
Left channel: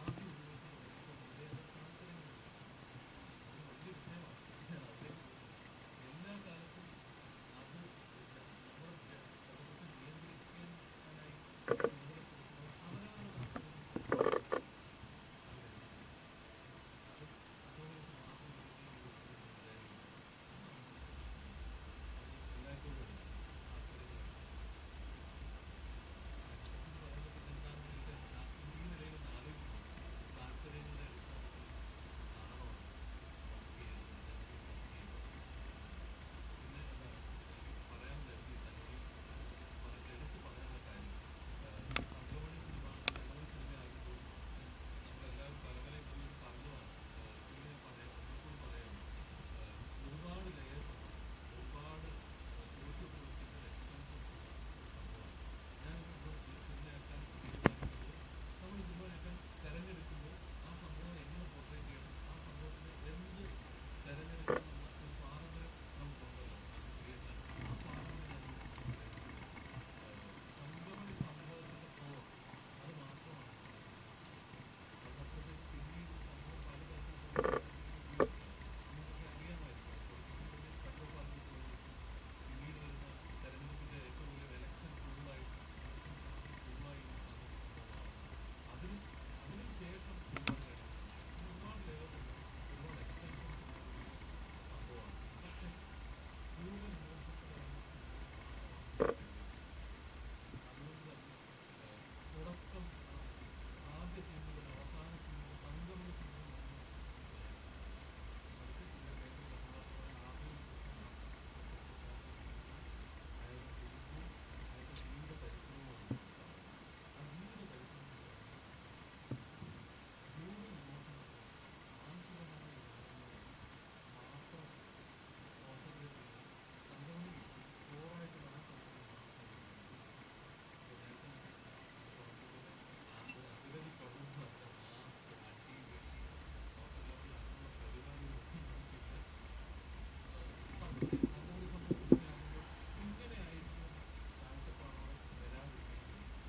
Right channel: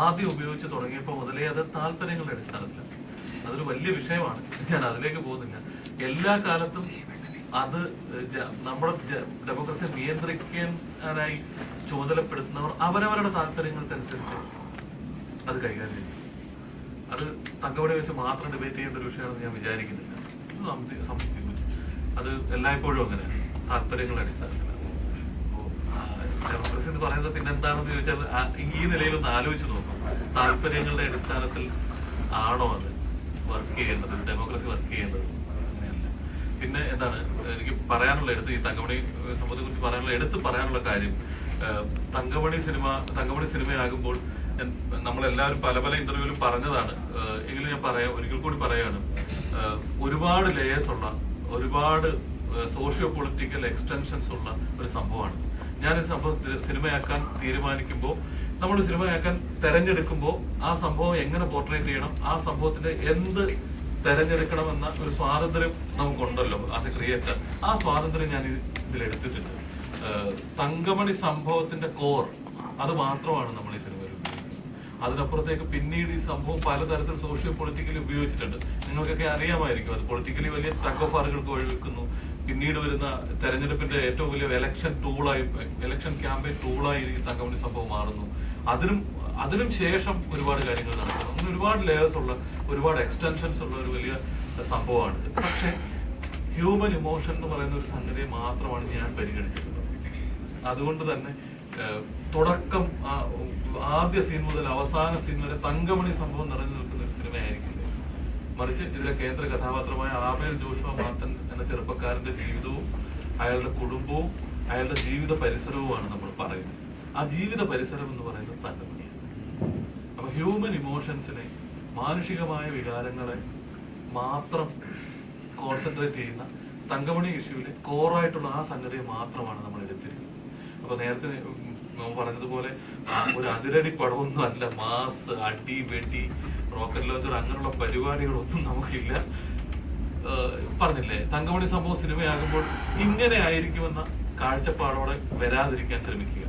ആദ്യം ഉപയോഗിച്ച് തുടങ്ങിയപ്പോൾ മുതലേ അത് താല്പര്യങ്ങളുടെ അടിസ്ഥാനത്തിലാണ്. അതൊരു വലിയ വിഷയമാണ്, ഞാൻ അതിലേക്ക് പോകുന്നില്ല. എല്ലാ കാലത്തും അത് നമ്മുടെ ഡെമോക്രസിയെ നിയന്ത്രിക്കാനായി ചുമതലപ്പെടുത്തുന്നവർ അവരവരുടെ താല്പര്യങ്ങൾക്കനുസരിച്ച് അത് കൈകാര്യം ചെയ്യും. അത് തങ്കമണി വെച്ച് മാത്രം ഡിബേറ്റ് ചെയ്യേണ്ട ഒരു വിഷയമാണെന്ന് ഞാൻ വിചാരിക്കുന്നില്ല. അത് എല്ലായ്പ്പോഴും അങ്ങനെയാണ്, താല്പര്യങ്ങളുടെ അടിസ്ഥാനത്തിലാണ്. ഡെമോക്രസി എന്ന് പറയുന്നത് പിന്നെ എന്താണെന്ന് ചോദിച്ചാൽ ഈ നിലയിലൊന്ന് ആലോചിച്ച് നോക്കും. താല്പര്യങ്ങളുടെ അടിസ്ഥാനത്തിൽ ആണോ അത് വർക്ക് ചെയ്യേണ്ടത്, ഡെമോക്രസി വർക്ക് ചെയ്യേണ്ടത്? അങ്ങനെയല്ല. പിന്നെ എന്താണ് എനിക്ക് പറയാനുള്ള ഈ തങ്കമണി സംഭവത്തെ കുറിച്ച് പറയാനുള്ള കാര്യം, തങ്കമണി സിനിമയാകുമ്പോൾ നമ്മളെല്ലാവരും പല പല ഇന്റർവ്യൂവിലും പറഞ്ഞതാണ്. എങ്കിലും ഞാൻ ഒരിക്കൽ കൂടി പറയാണ്, ഒരുപാട് ലേയേഴ്സ് ഉള്ള, ഒരുപാട് സോഷ്യോ പൊളിറ്റിക്കൽ എക്സ്റ്റൻഷൻസ് ഉള്ള ഒരു സംഭവമാണ്. ഞാൻ ഈ സംഭവം സിനിമയാക്കാൻ തീരുമാനിക്കുമ്പോൾ, നമ്മൾ സിനിമയാക്കാൻ തെരഞ്ഞെടുക്കുമ്പോൾ ആ സംഭവം എങ്ങനെ പോർട്രേറ്റ് ചെയ്യണം, ആ സംഭവത്തിന്റെ എന്ത് തെരഞ്ഞെടുക്കണമെന്ന ഒരു സ്വാതന്ത്ര്യം നമുക്കുണ്ടല്ലോ ആസ് എ ക്രിയേറ്റർ. ആ സ്വാതന്ത്ര്യം ഞാൻ ഇതിലെടുത്തിട്ടുണ്ട്. തങ്കമണി സംഭവത്തിന്റെ കോർ അത് മാത്രമാണ് നമ്മൾ ഈ സിനിമയിൽ ഉപയോഗിക്കുന്നത്. അതിനപ്പുറത്തേക്ക് പിന്നീട് ഈ സംഭവം പലതരത്തിൽ സോഷ്യോ പൊളിറ്റിക്കലി ഉപയോഗിച്ചിട്ടുണ്ട്. നിങ്ങൾക്കൊക്കെ അറിയാമായിരിക്കും. അത് പൊളിറ്റിക്കലി വലിയ ടഗ് ഓഫ് വാറുകൾക്ക് വഴിവെക്കുന്നു. പിന്നീട് വരുന്ന തെരഞ്ഞെടുപ്പിന്റെ ഏറ്റവും വലിയ ഇലക്ഷൻ ക്യാമ്പയിൻ ടൂളായി ഈ തങ്കമണി സംഭവം മാറുന്നു. അതിനും ശേഷം ഒരുപാട് കാര്യങ്ങൾ നടക്കുന്നു. അങ്ങനെ ഒരുപാട് ലേയേഴ്സ് ഉള്ള, ഒരുപാട് എക്സ്റ്റൻഷൻസ് ഉള്ള ഒരു വലിയ സംഭവമാണിത്. പക്ഷെ ഹ്യൂമൻ ഇമോഷൻ എന്ന് പറയുന്ന ഒരു സംഗതിയെ മാത്രമാണ് ഞാൻ പരിഗണിച്ചിട്ടുള്ളത്. അതുകൊണ്ട് തന്നെ തുടക്കം ആദ്യ സീൻ മുതൽ അവസാന സീൻ വരെ തങ്കമണി സംഭവം നിറഞ്ഞു നിൽക്കുന്ന ഒരു സിനിമയായിരിക്കില്ല. മറിച്ച് ഇതിലെ കേന്ദ്ര കഥാപാത്രമായ ആബേൽ ജോഷുവ മാത്തൻ എന്ന ചെറുപ്പക്കാരന്റെ ജീവിതവും അയാളുടെ കുടുംബവും അയാളുടെ ജീവിത പരിസരവുമാണ് നമ്മൾ പറയുന്നത്. ആ ജീവിത പരിസരം എന്ന് പറയുന്നത് തങ്കമണിയാണ്. അപ്പൊ ഹ്യൂമൻ ഇമോഷൻസിനെ, മാനുഷികമായ വികാരങ്ങളെ മാത്രം കോൺസെൻട്രേറ്റ് ചെയ്യുന്ന തങ്കമണി ഇഷ്യൂവിലെ കോറായിട്ടുള്ള ആ സംഗതിയെ മാത്രമാണ് നമ്മൾ എടുത്തിരിക്കുന്നത്. അപ്പൊ നേരത്തെ നമ്മൾ പറഞ്ഞതുപോലെ ഒരു അതിരടി പടമൊന്നും അല്ല. മാസ്, അടി, വെടി, റോക്കറ്റ് ലോഞ്ചർ അങ്ങനെയുള്ള പരിപാടികളൊന്നും നമുക്കില്ല. പറഞ്ഞില്ലേ, തങ്കമണി സംഭവം സിനിമയാകുമ്പോൾ ഇങ്ങനെ ആയിരിക്കുമെന്ന കാഴ്ചപ്പാടോടെ വരാതിരിക്കാൻ ശ്രമിക്കുക.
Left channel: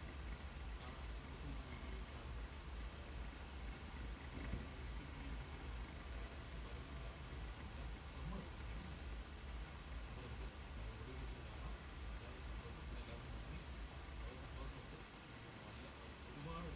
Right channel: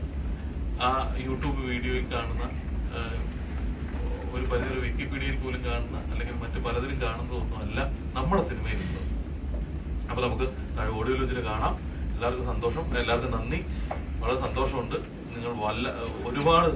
ആ യൂട്യൂബ് വീഡിയോയിൽ കാണുന്ന, ഒരു പരിധി വിക്കിപീഡിയയിൽ പോലും കാണുന്ന, അല്ലെങ്കിൽ മറ്റു പലതിലും കാണുന്നതൊന്നും അല്ല നമ്മുടെ സിനിമയിലുള്ളത്. അപ്പൊ നമുക്ക് ഓഡിയോ ലോഞ്ചിൽ കാണാം. എല്ലാവർക്കും സന്തോഷം, എല്ലാവർക്കും നന്ദി. വളരെ സന്തോഷമുണ്ട്. നിങ്ങൾ ഒരുപാട്